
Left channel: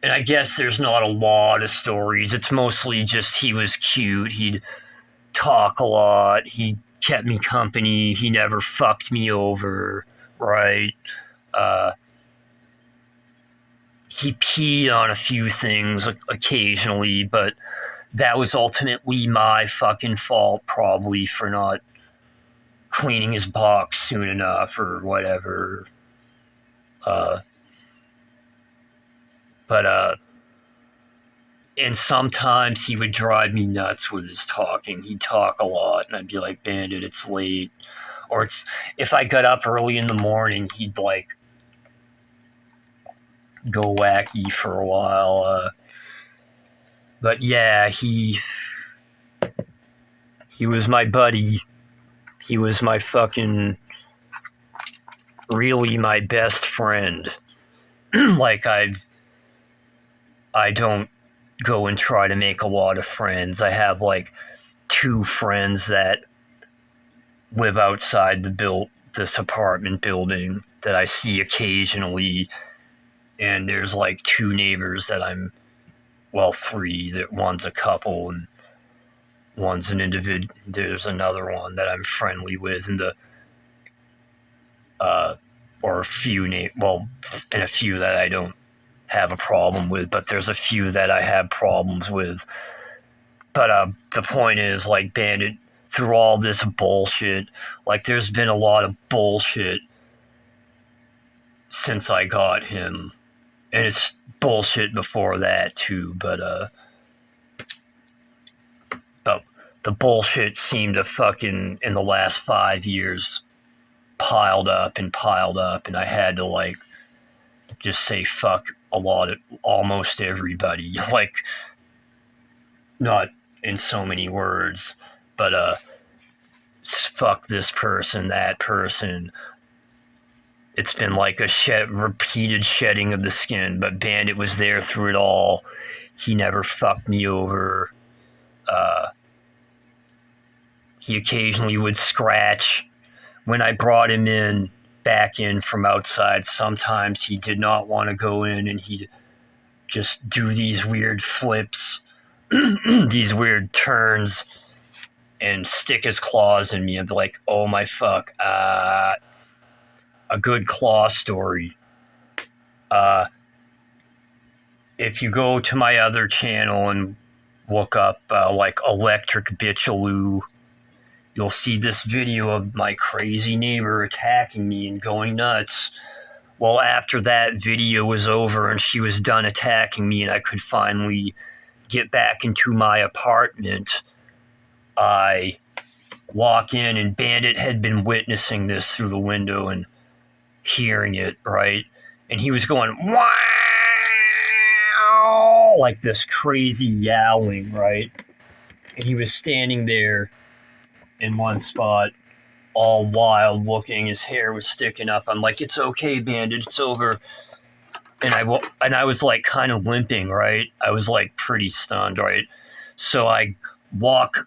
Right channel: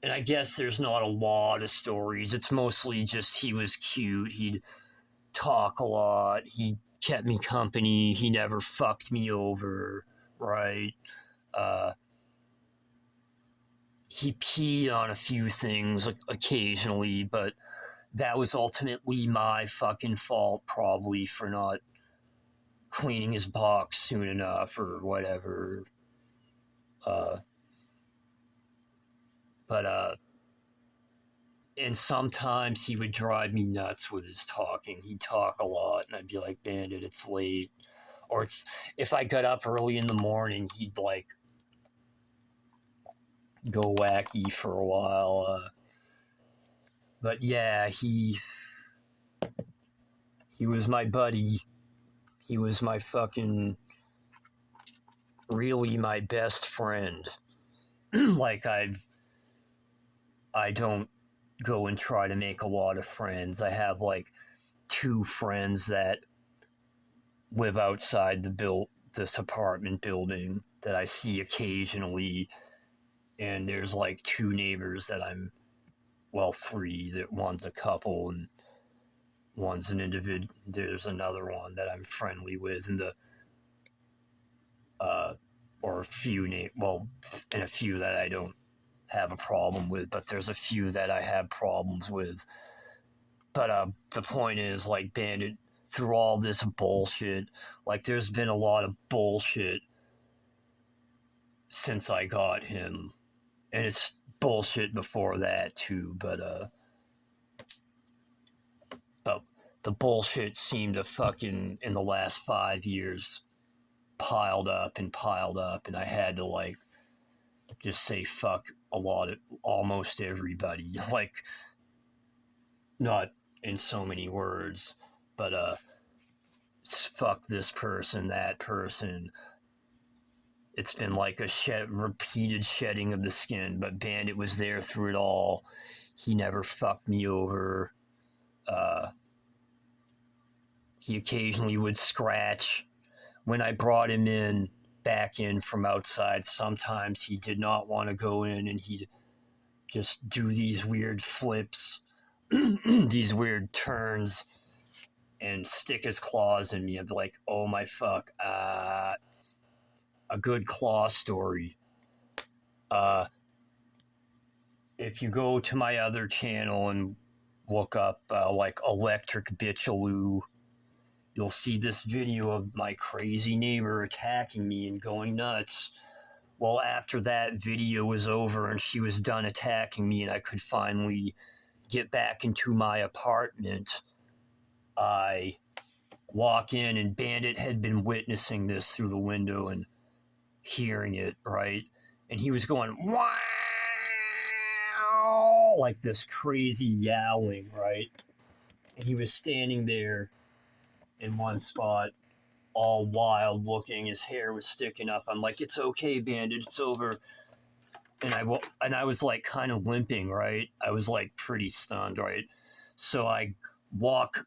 And I guess there's not a lot of stories. It's mostly just he was cute. He'd talk a lot. He kept me company. He never fucked me over, right? He peed on a few things occasionally, but that was ultimately my fucking fault, probably, for not cleaning his box soon enough or whatever. But and sometimes he would drive me nuts with his talking. He'd talk a lot, and I'd be like, Bandit, it's late. Or it's if I got up early in the morning, he'd like go wacky for a while. But yeah, he was my buddy. He was my fucking really my best friend. Like I don't go and try to make a lot of friends. I have like 2 friends that live outside this apartment building that I see occasionally, and there's like 2 neighbors that well, 3. That one's a couple and one's an individual. There's another one that I'm friendly with, and or a few and a few that I don't have a problem with, but there's a few that I have problems with. But the point is, like, Bandit, through all this bullshit, like, there's been a lot of bullshit since I got him, and it's bullshit before that too. But the bullshit seemed to fucking in the last 5 years piled up, and I had to like just say fuck almost everybody. Like, not in so many words, but fuck this person, that person. It's been like a repeated shedding of the skin, but Bandit was there through it all. He never fucked me over. He occasionally would scratch. When I brought him back in from outside, sometimes he did not want to go in, and he'd just do these weird flips, these weird turns, and stick his claws in me and be like, oh my fuck. A good claw story. If you go to my other channel and look up like Electric Bitchaloo, you'll see this video of my crazy neighbor attacking me and going nuts. Well, after that video was over and she was done attacking me and I could finally get back into my apartment, I walk in, and Bandit had been witnessing this through the window and hearing it, right? And he was going, wow, like this crazy yowling, right? And he was standing there in one spot, all wild looking. His hair was sticking up. I'm like, it's okay, Bandit, it's over. And I was like kind of limping, right? I was like pretty stunned, right? So I walk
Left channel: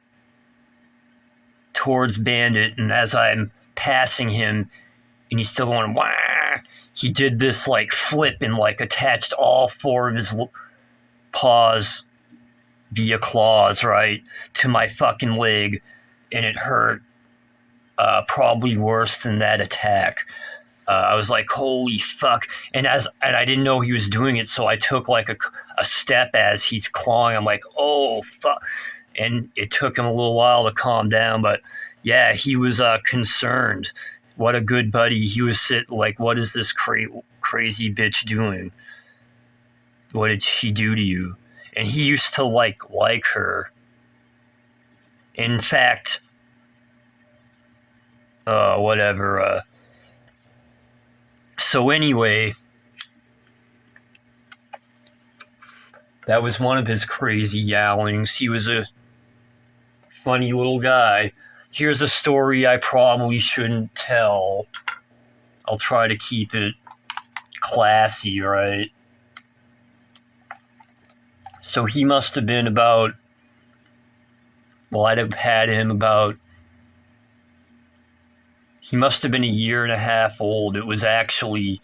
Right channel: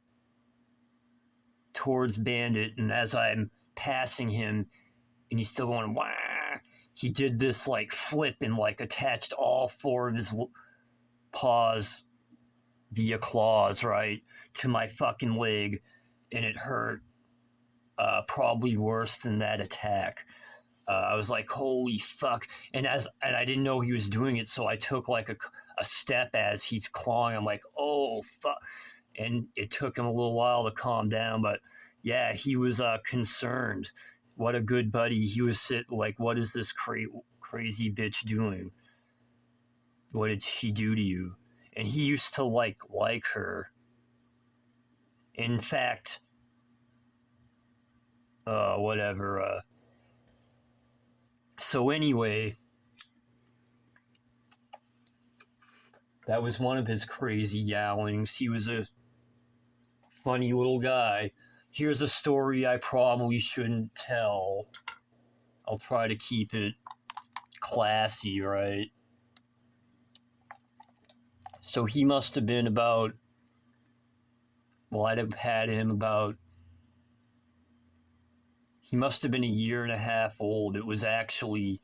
towards Bandit, and as I'm passing him, and he's still going, wah, he did this like flip and like attached all 4 of his paws via claws, right, to my fucking leg, and it hurt probably worse than that attack. I was like, holy fuck. And I didn't know he was doing it, so I took like a step as he's clawing. I'm like, oh fuck. And it took him a little while to calm down, but yeah, he was concerned. What a good buddy. He was like, what is this crazy bitch doing? What did she do to you? And he used to like her. In fact, whatever. So anyway, that was one of his crazy yowlings. He was a funny little guy. Here's a story I probably shouldn't tell. I'll try to keep it classy, right? So he must have been about, well, I'd have had him about, he must have been a year and a half old. It was actually,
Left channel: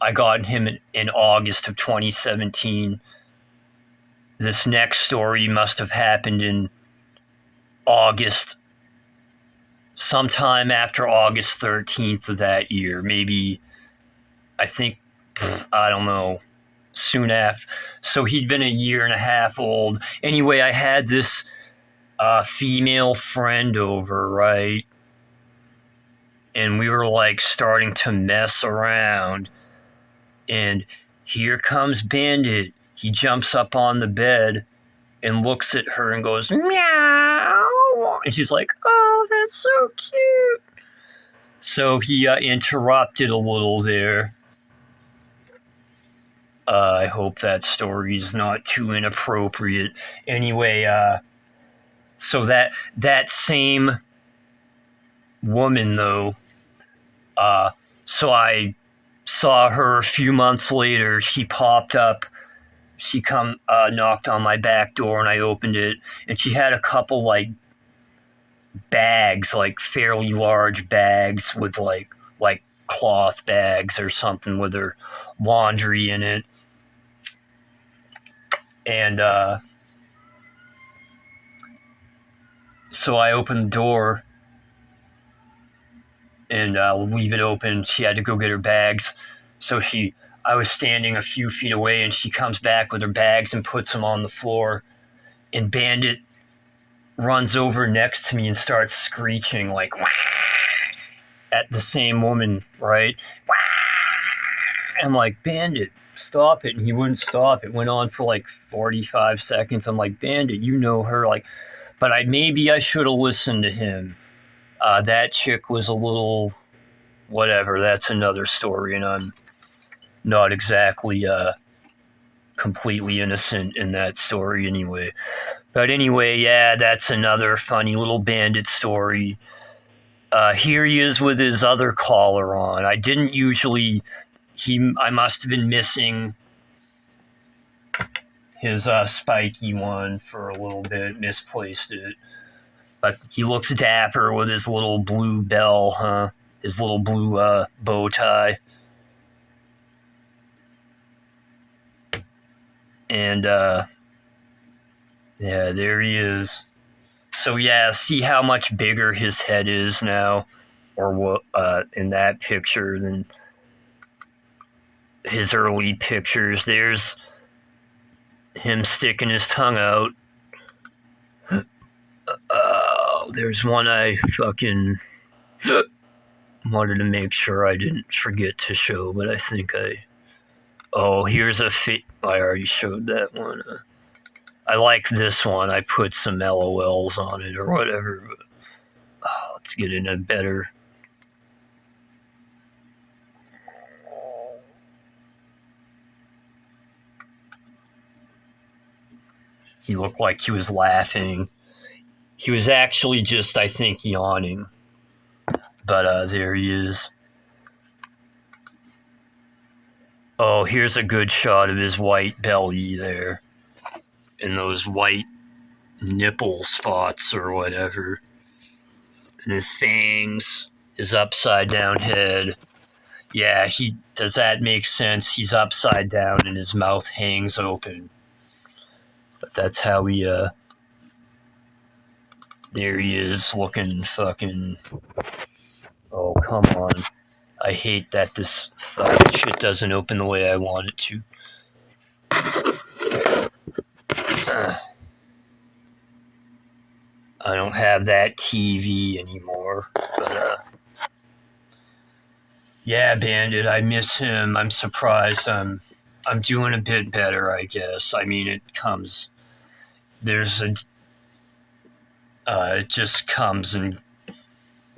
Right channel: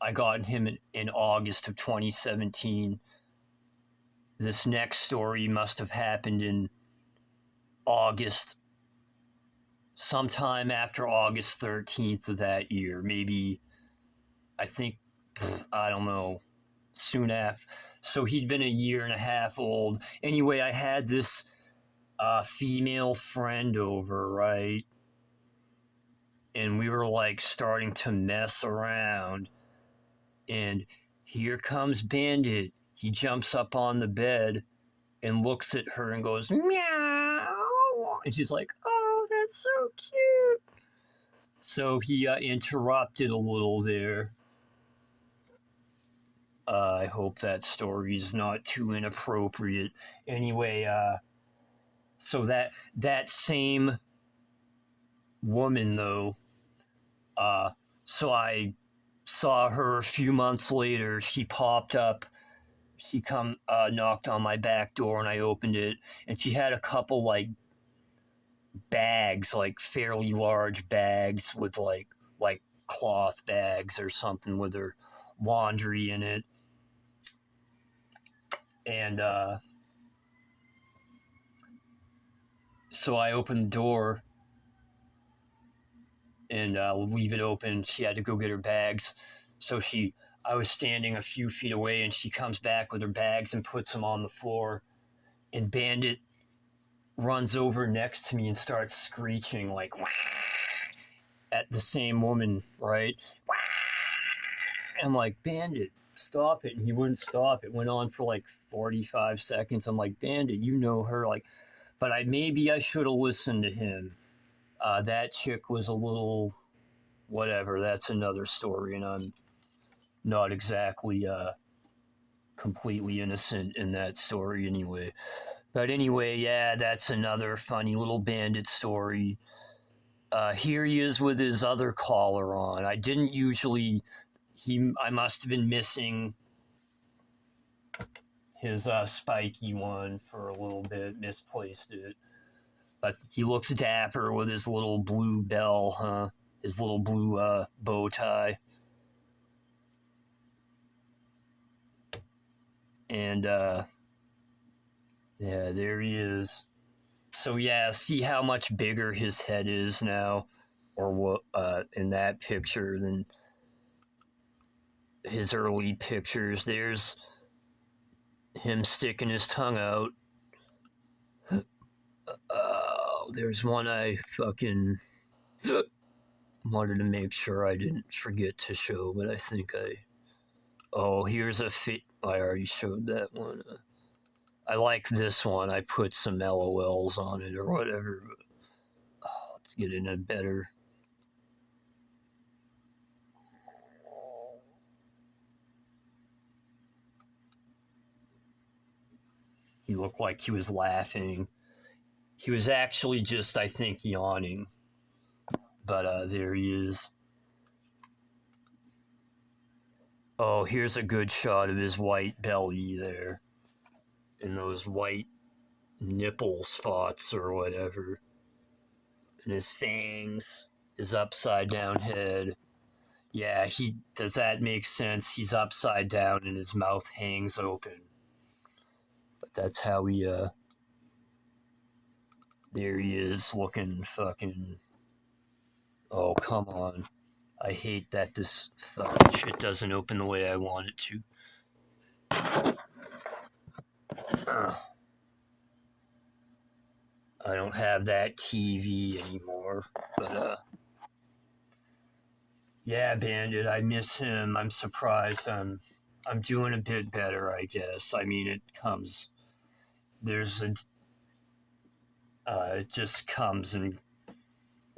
I got him in August of 2017. This next story must have happened in August, sometime after August 13th of that year. Maybe, I think, I don't know, soon after. So he'd been a year and a half old. Anyway, I had this female friend over, right? And we were like starting to mess around. And here comes Bandit. He jumps up on the bed and looks at her and goes, meow. And she's like, oh, that's so cute. So he interrupted a little there. I hope that story's not too inappropriate. Anyway, so that same woman, though, so I saw her a few months later. She popped up. She knocked on my back door, and I opened it, and she had a couple like bags, like fairly large bags with like cloth bags or something with her laundry in it. And so I opened the door and leave it open. She had to go get her bags. So I was standing a few feet away, and she comes back with her bags and puts them on the floor. And Bandit runs over next to me and starts screeching like, wah! At the same woman, right? Wah! I'm like, Bandit, stop it. And he wouldn't stop. It went on for like 45 seconds. I'm like, Bandit, you know her. Like, but maybe I should have listened to him. That chick was a little whatever. That's another story, and I'm not exactly completely innocent in that story anyway. But anyway, yeah, that's another funny little Bandit story. Here he is with his other collar on. I didn't usually. I must have been missing his spiky one for a little bit, misplaced it. But he looks dapper with his little blue bell, huh? His little blue bow tie. And, yeah, there he is. So, yeah, see how much bigger his head is now, or what, in that picture than his early pictures. There's him sticking his tongue out. There's one I fucking wanted to make sure I didn't forget to show, but I think here's a I already showed that one. I like this one. I put some LOLs on it or whatever. But, let's get in a better. He looked like he was laughing. He was actually just, I think, yawning. But there he is. Oh, here's a good shot of his white belly there. And those white nipple spots or whatever. And his fangs, his upside down head. Yeah, does that make sense? He's upside down and his mouth hangs open. But that's how there he is looking fucking, oh, come on. I hate that this shit doesn't open the way I want it to. I don't have that TV anymore, but yeah, Bandit, I miss him. I'm surprised I'm doing a bit better, I guess. I mean, it just comes and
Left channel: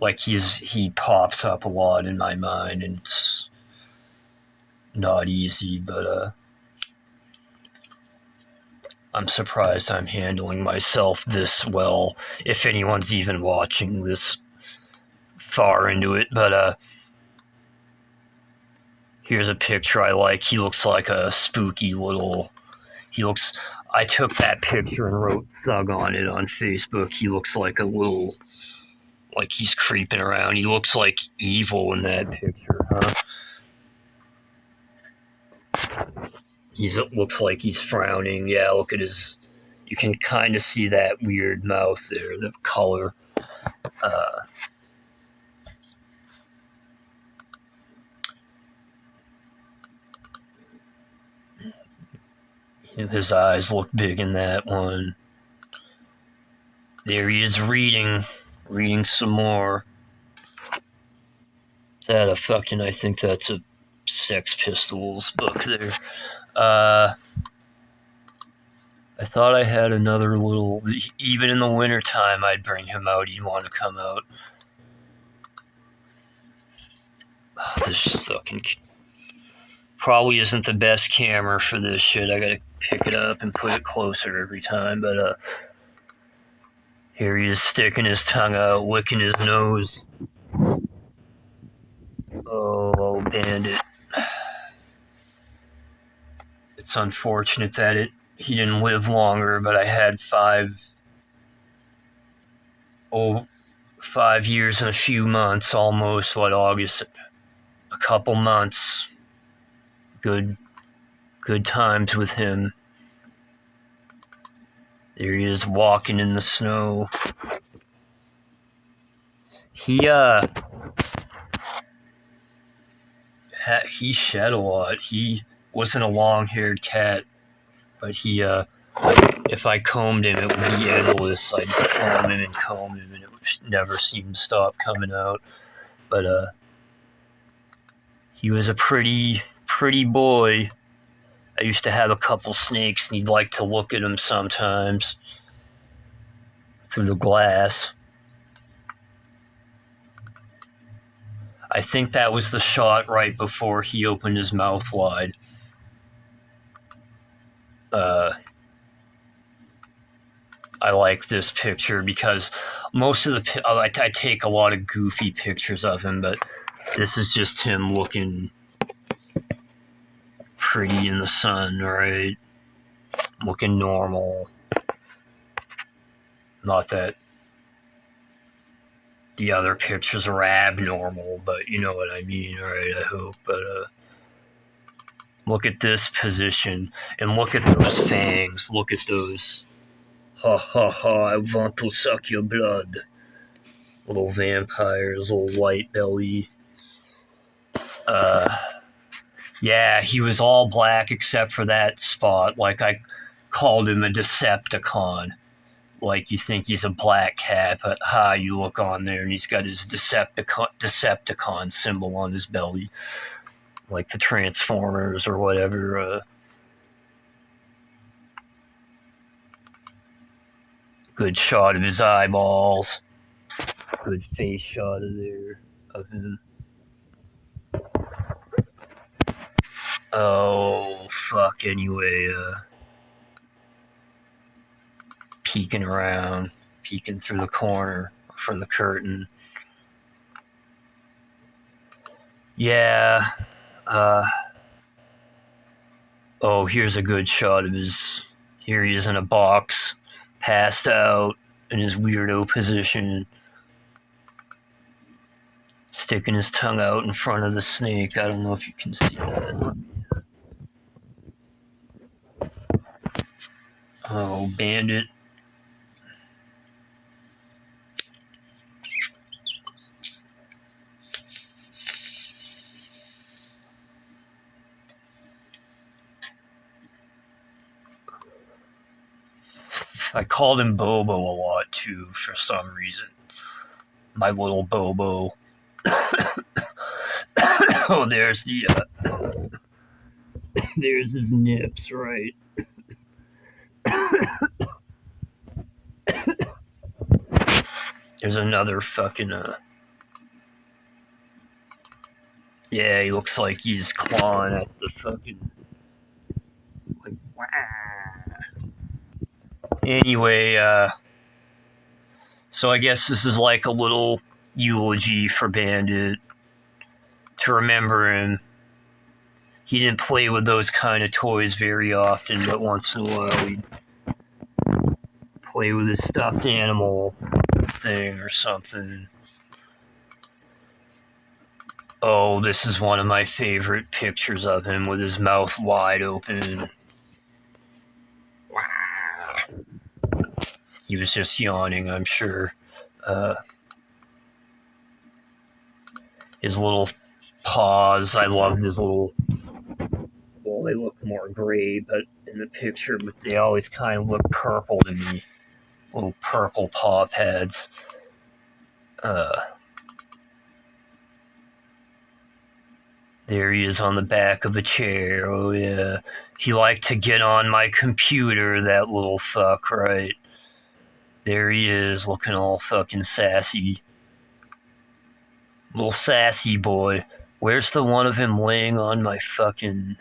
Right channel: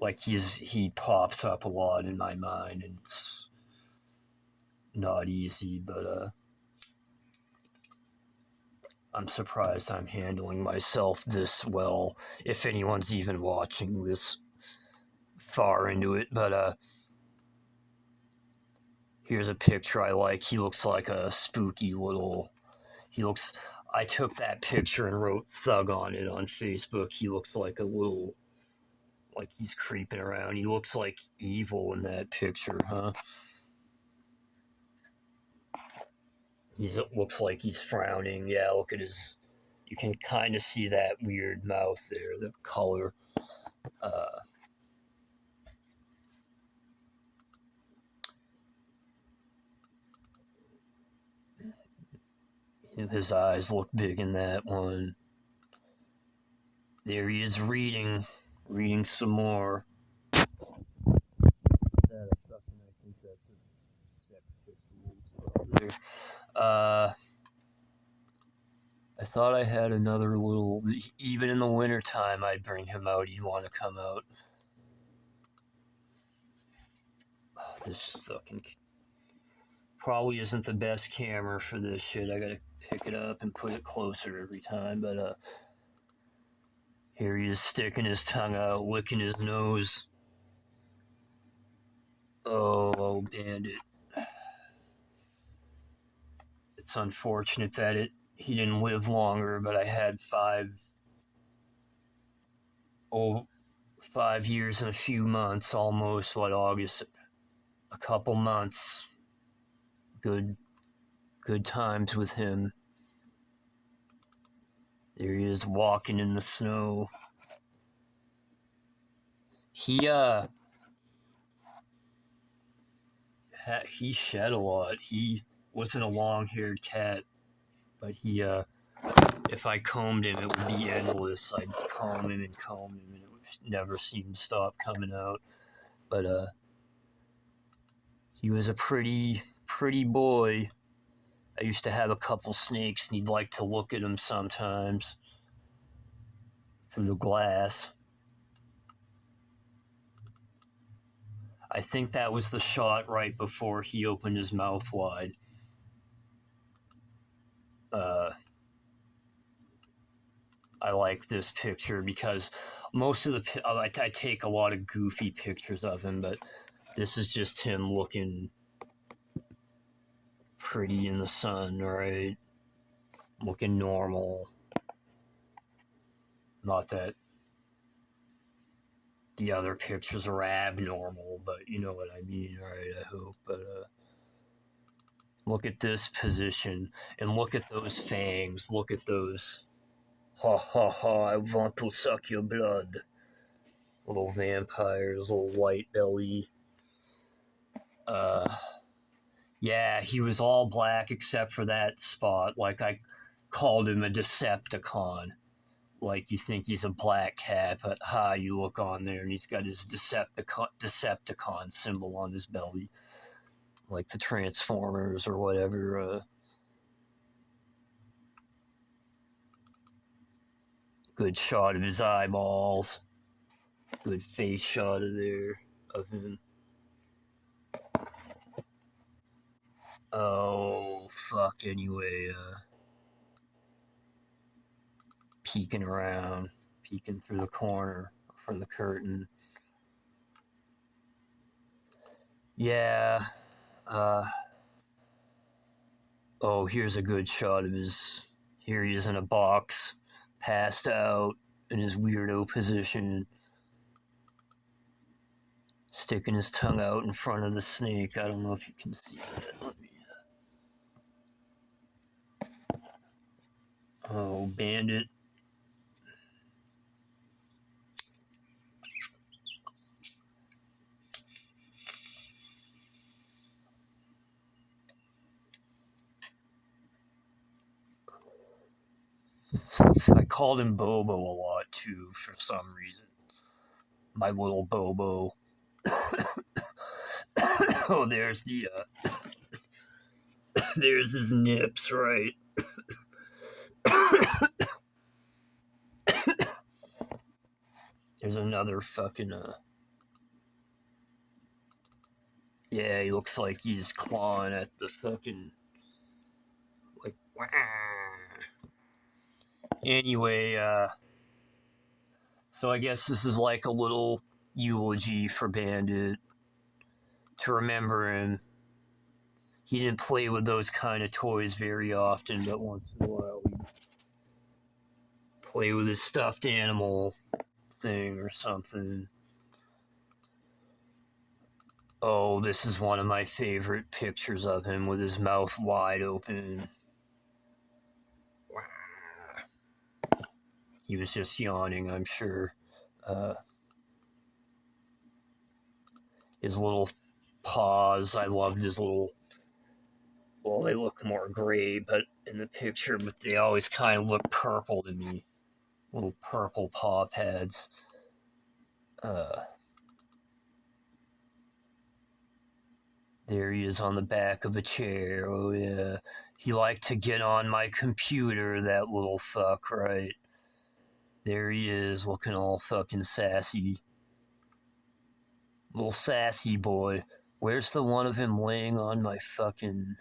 like he pops up a lot in my mind, and it's not easy, but I'm surprised I'm handling myself this well, if anyone's even watching this far into it. But here's a picture I like. He looks like a spooky little. He looks. I took that picture and wrote "thug" on it on Facebook. He looks like a little. Like he's creeping around. He looks like evil in that picture, huh? Looks like he's frowning. Yeah, look at his. You can kind of see that weird mouth there, the color. Uh, his eyes look big in that one. There he is reading some more. Is that a fucking? I think that's a Sex Pistols book there. I thought I had another little. Even in the wintertime, I'd bring him out. He'd want to come out. Oh, this fucking probably isn't the best camera for this shit. I gotta pick it up and put it closer every time. But here he is sticking his tongue out, licking his nose. Oh, Bandit. It's unfortunate that he didn't live longer, but I had 5 years and a few months, almost, August, a couple months. Good times with him. There he is walking in the snow. He shed a lot. He wasn't a long-haired cat, but if I combed him, it would be endless. I'd comb him, and it would never seem to stop coming out. But he was a pretty boy. I used to have a couple snakes, and he'd like to look at them sometimes through the glass. I think that was the shot right before he opened his mouth wide. I like this picture because most of I take a lot of goofy pictures of him, but this is just him looking pretty in the sun, right? Looking normal. Not that the other pictures are abnormal, but you know what I mean, right? I hope. But look at this position, and look at those fangs. Look at those. Ha ha ha! I want to suck your blood. Little vampires, little white belly. Yeah, he was all black except for that spot. Like I called him a Decepticon. Like you think he's a black cat, but you look on there and he's got his Decepticon symbol on his belly, like the Transformers or whatever. Good shot of his eyeballs. Good face shot of him. Oh fuck! Anyway, peeking around, peeking through the corner for the curtain. Yeah. Oh, here's a good shot of his. Here he is in a box, passed out in his weirdo position, sticking his tongue out in front of the snake. I don't know if you can see that. Oh, Bandit. I called him Bobo a lot too for some reason. My little Bobo. Oh, there's there's his nips, right? There's another fucking yeah, he looks like he's clawing at the fucking like. Wah. Anyway, so I guess this is like a little eulogy for Bandit to remember him. He didn't play with those kind of toys very often, but once in a while he'd play with his stuffed animal thing or something. Oh, this is one of my favorite pictures of him with his mouth wide open. He was just yawning, I'm sure. His little paws, I loved his little... Well, they look more gray, but in the picture, but they always kind of look purple to me. Little purple paw pads. There he is on the back of a chair. Oh, yeah. He liked to get on my computer, that little fuck, right? There he is, looking all fucking sassy. Little sassy boy. Where's the one of him laying on my fucking...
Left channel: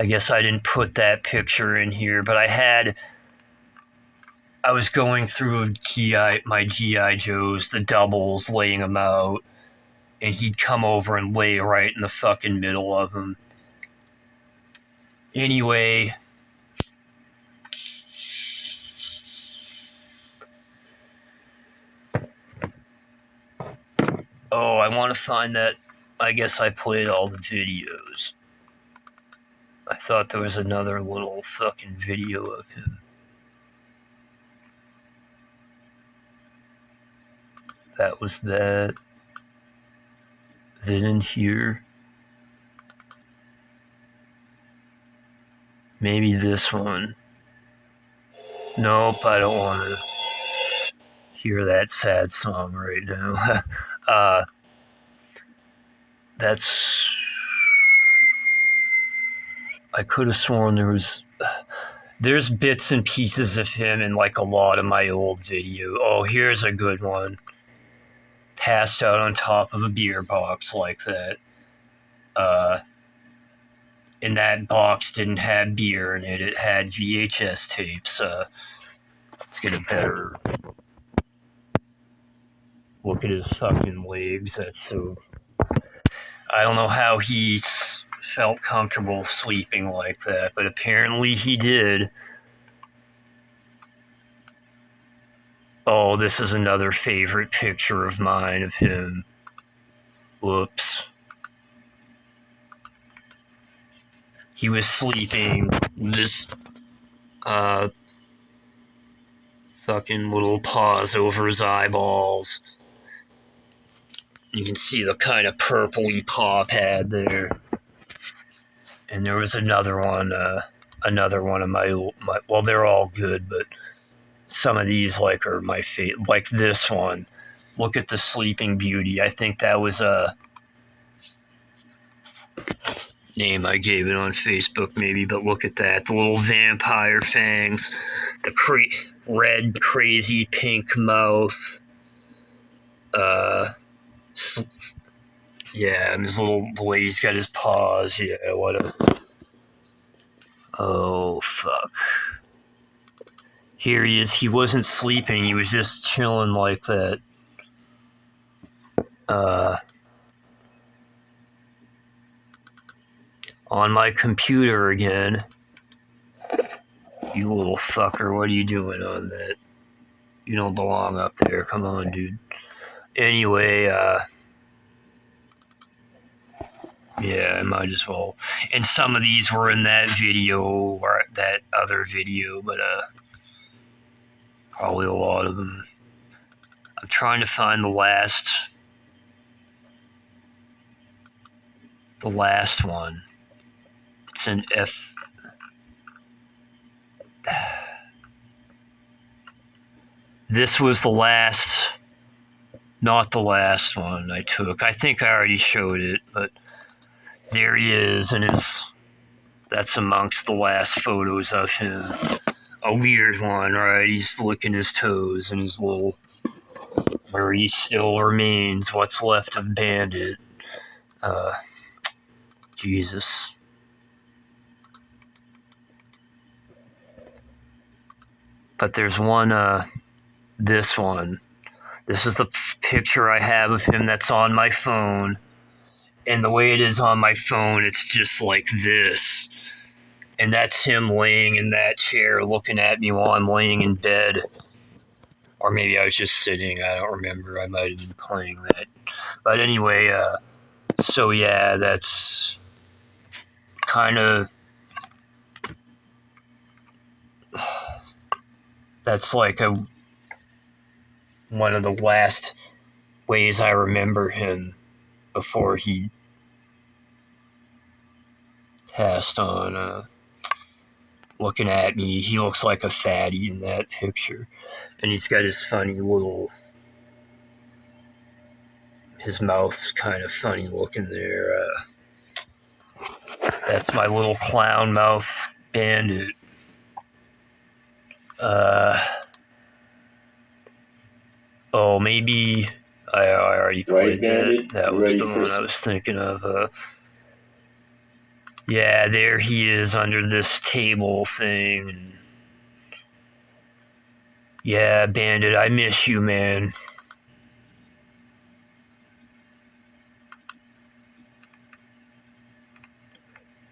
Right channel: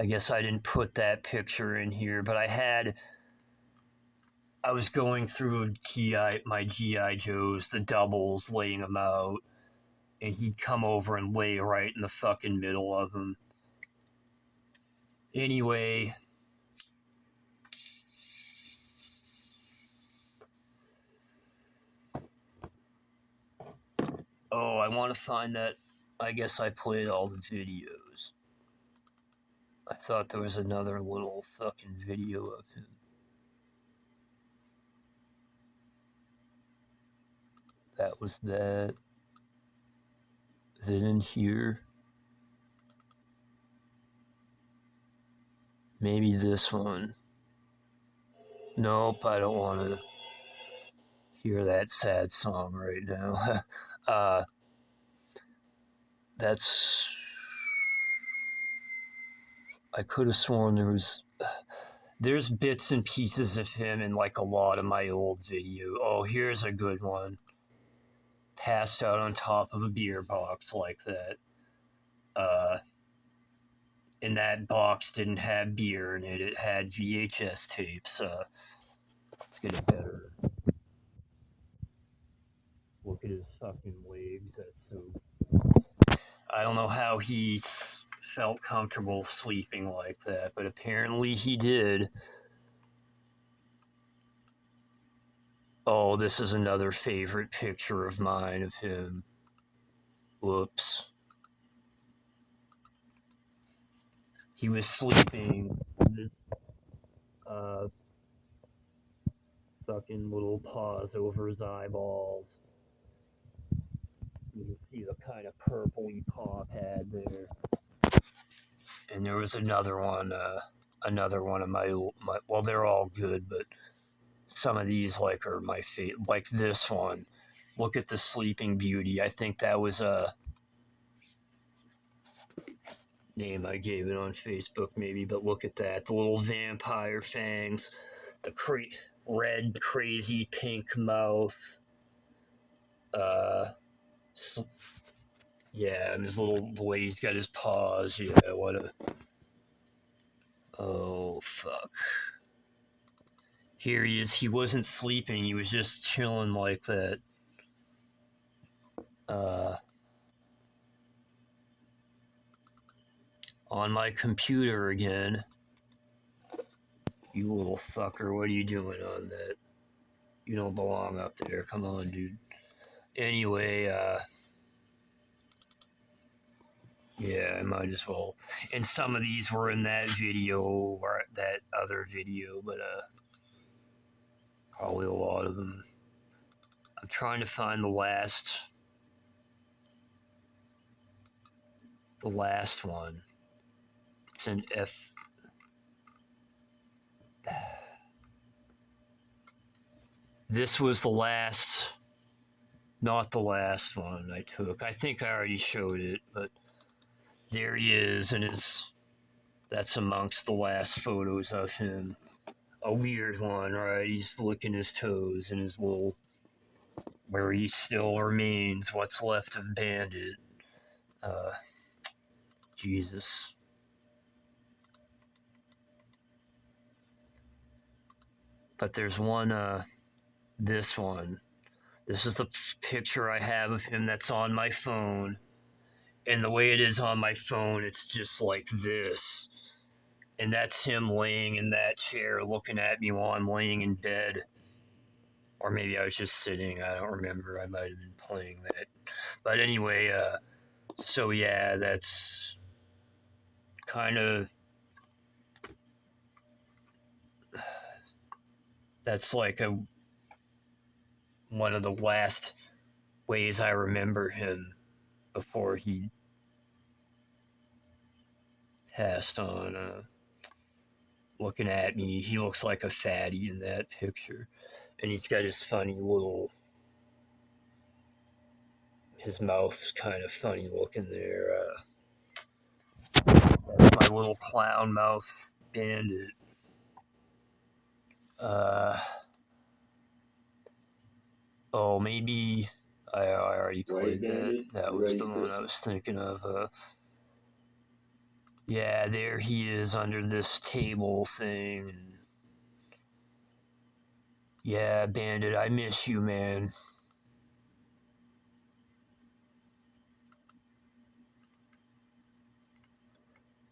I guess I didn't put that picture in here, but I was going through my G.I. Joes, the doubles, laying them out, and he'd come over and lay right in the fucking middle of them. Anyway... Oh, I want to find that. I guess I played all the videos. I thought there was another little fucking video of him. That was that. Then in here. Maybe this one. Nope, I don't want to hear that sad song right now. That's... I could have sworn there's bits and pieces of him in like a lot of my old video. Oh, here's a good one. Passed out on top of a beer box like that. And that box didn't have beer in it. It had VHS tapes. Let's get a better look at his fucking legs. That's so... I don't know how he felt comfortable sleeping like that, but apparently he did. Oh, this is another favorite picture of mine of him. Whoops. He was sleeping with his fucking little paws over his eyeballs. You can see the kind of purpley paw pad there. And there was another one of my, well, they're all good, but some of these like are my favorite. Like this one. Look at the Sleeping Beauty. I think that was a name I gave it on Facebook maybe, but look at that. The little vampire fangs. The red, crazy pink mouth. Yeah, and his little, the way he's got his paws. Yeah, what a... Oh, fuck. Here he is. He wasn't sleeping. He was just chilling like that. On my computer again. You little fucker. What are you doing on that? You don't belong up there. Come on, dude. Anyway, yeah, I might as well. And some of these were in that video or that other video, but probably a lot of them. I'm trying to find the last one. It's an F. This was the last, not the last one I took. I think I already showed it, but there he is, and that's amongst the last photos of him. A weird one, right? He's licking his toes and his little, where he still remains, what's left of Bandit. Jesus. But there's one, this one. This is the picture I have of him that's on my phone. And the way it is on my phone, it's just like this. And that's him laying in that chair looking at me while I'm laying in bed. Or maybe I was just sitting. I don't remember. I might have been playing that. But anyway, so yeah, that's kind of. That's like one of the last ways I remember him before he passed on. Looking at me, he looks like a fatty in that picture. And he's got his funny little. His mouth's kind of funny looking there. That's my little clown mouth bandit. Oh, maybe I already played that. That was the one I was thinking of. Yeah, there he is under this table thing. Yeah, Bandit, I miss you, man.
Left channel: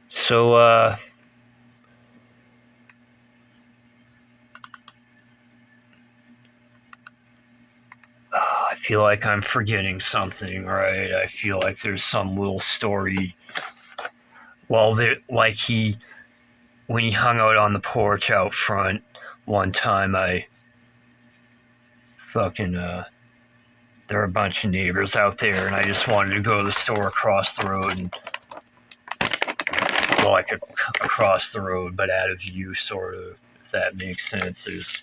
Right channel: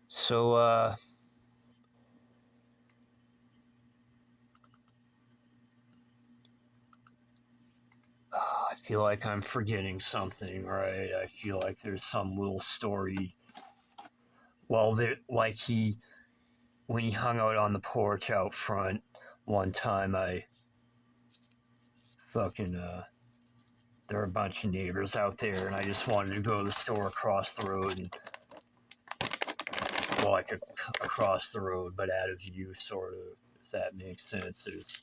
So, I feel like I'm forgetting something, right? I feel like there's some little story. Well, like when he hung out on the porch out front one time, I fucking, there were a bunch of neighbors out there, and I just wanted to go to the store across the road, and, well, like across the road, but out of view, sort of, if that makes sense. There's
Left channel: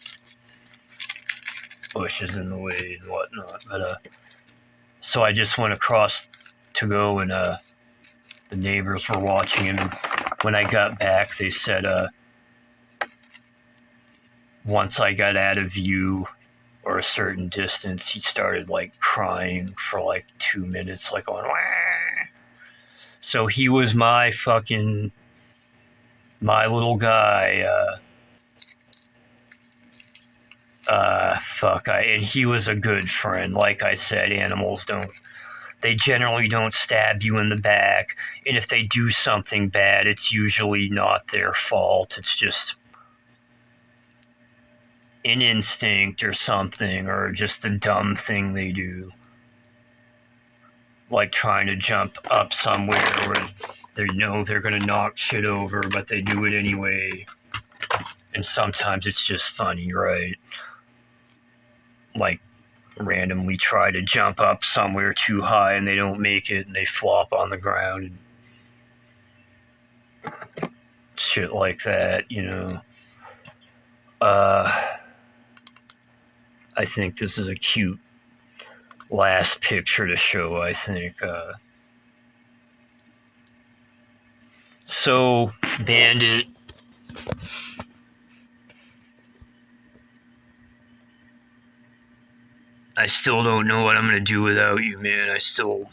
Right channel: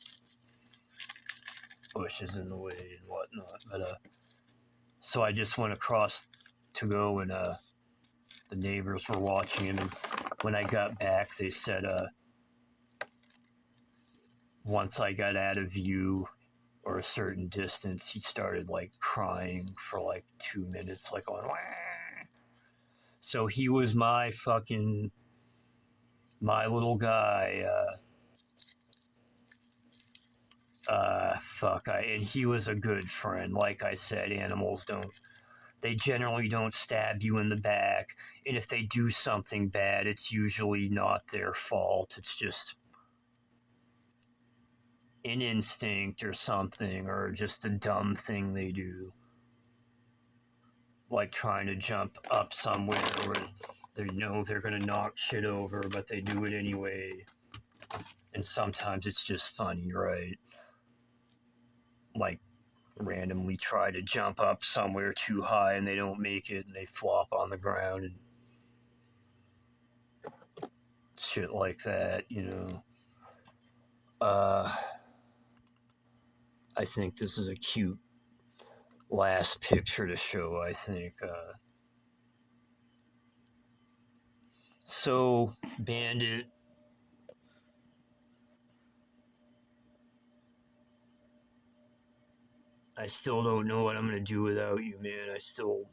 bushes in the way and whatnot, but, so I just went across to go, and, the neighbors were watching him. When I got back, they said, once I got out of view or a certain distance, he started like crying for like 2 minutes, like going, wah. So he was my little guy. And he was a good friend. Like I said, animals they generally don't stab you in the back. And if they do something bad, it's usually not their fault. It's just an instinct or something, or just a dumb thing they do. Like trying to jump up somewhere where they know they're going to knock shit over, but they do it anyway. And sometimes it's just funny, right? Like randomly try to jump up somewhere too high and they don't make it and they flop on the ground and shit like that, you know. I think this is a cute last picture to show, I think. So, Bandit, I still don't know what I'm going to do without you, man. I still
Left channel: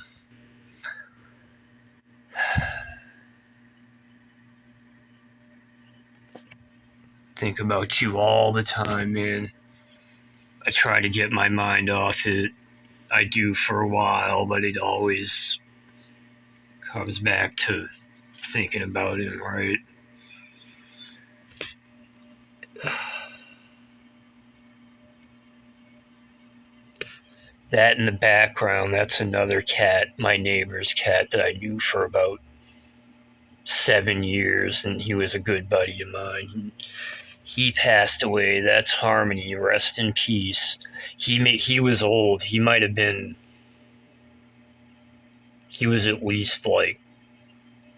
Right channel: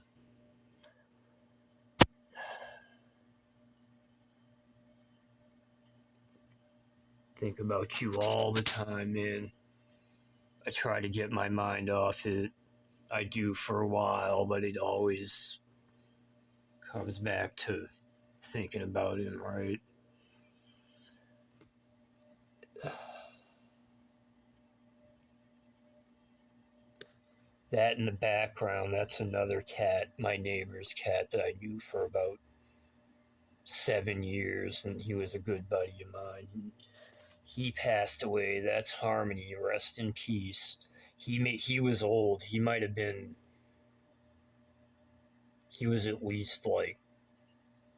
think about you all the time, man. I try to get my mind off it. I do for a while, but it always comes back to thinking about him, right? That in the background, that's another cat, my neighbor's cat that I knew for about 7 years, and he was a good buddy of mine. He passed away. That's Harmony. Rest in peace. He was old. He might have been. He was at least like.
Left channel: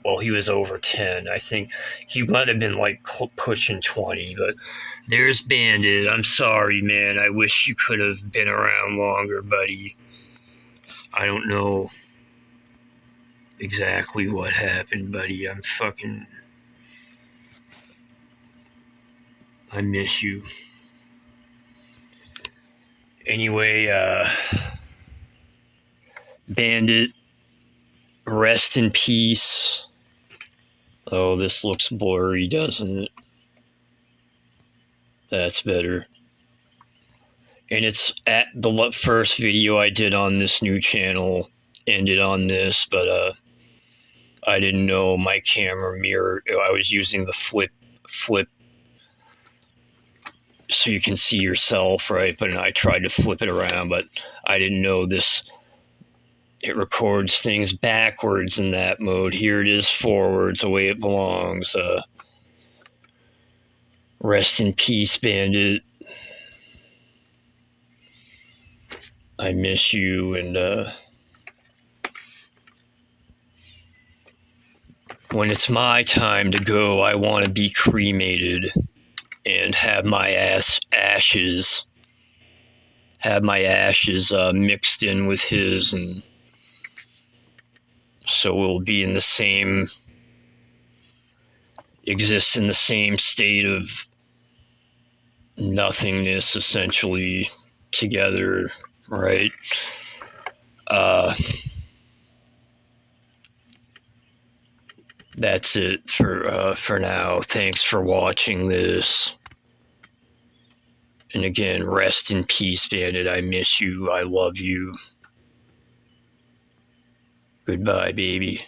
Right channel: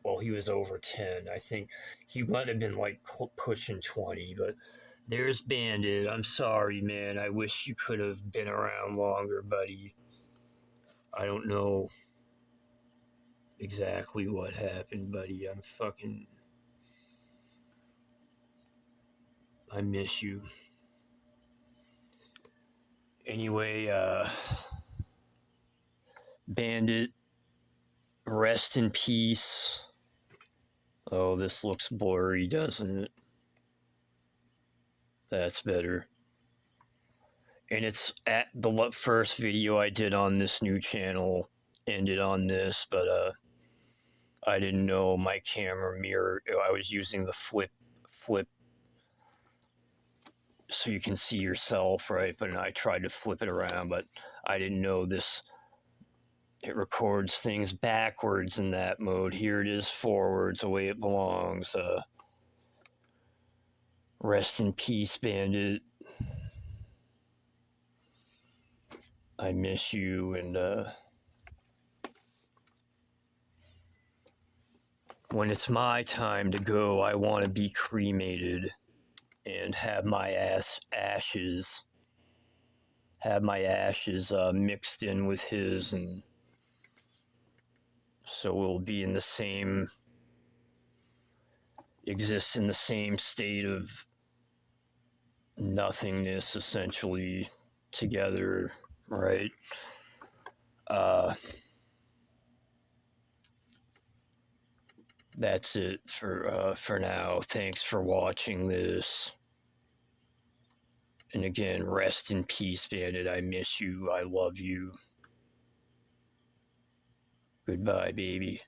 Well, he was over 10. I think he might have been like pushing 20. But there's Bandit. I'm sorry, man. I wish you could have been around longer, buddy. I don't know exactly what happened, buddy. I miss you. Anyway, Bandit, rest in peace. Oh, this looks blurry, doesn't it? That's better. And it's at the first video I did on this new channel ended on this, but I didn't know my camera mirror. I was using the flip so you can see yourself, right? But I tried to flip it around, but I didn't know this. It records things backwards in that mode. Here it is forwards, the way it belongs. Rest in peace, Bandit. I miss you, and when it's my time to go, I want to be cremated and have my ashes mixed in with his, and so we'll be in the same, exist in the same state of nothingness, essentially, together, right? Uh, that's it for now. Thanks for watching this. And again, rest in peace, Bandit. I miss you. I love you. Goodbye, baby.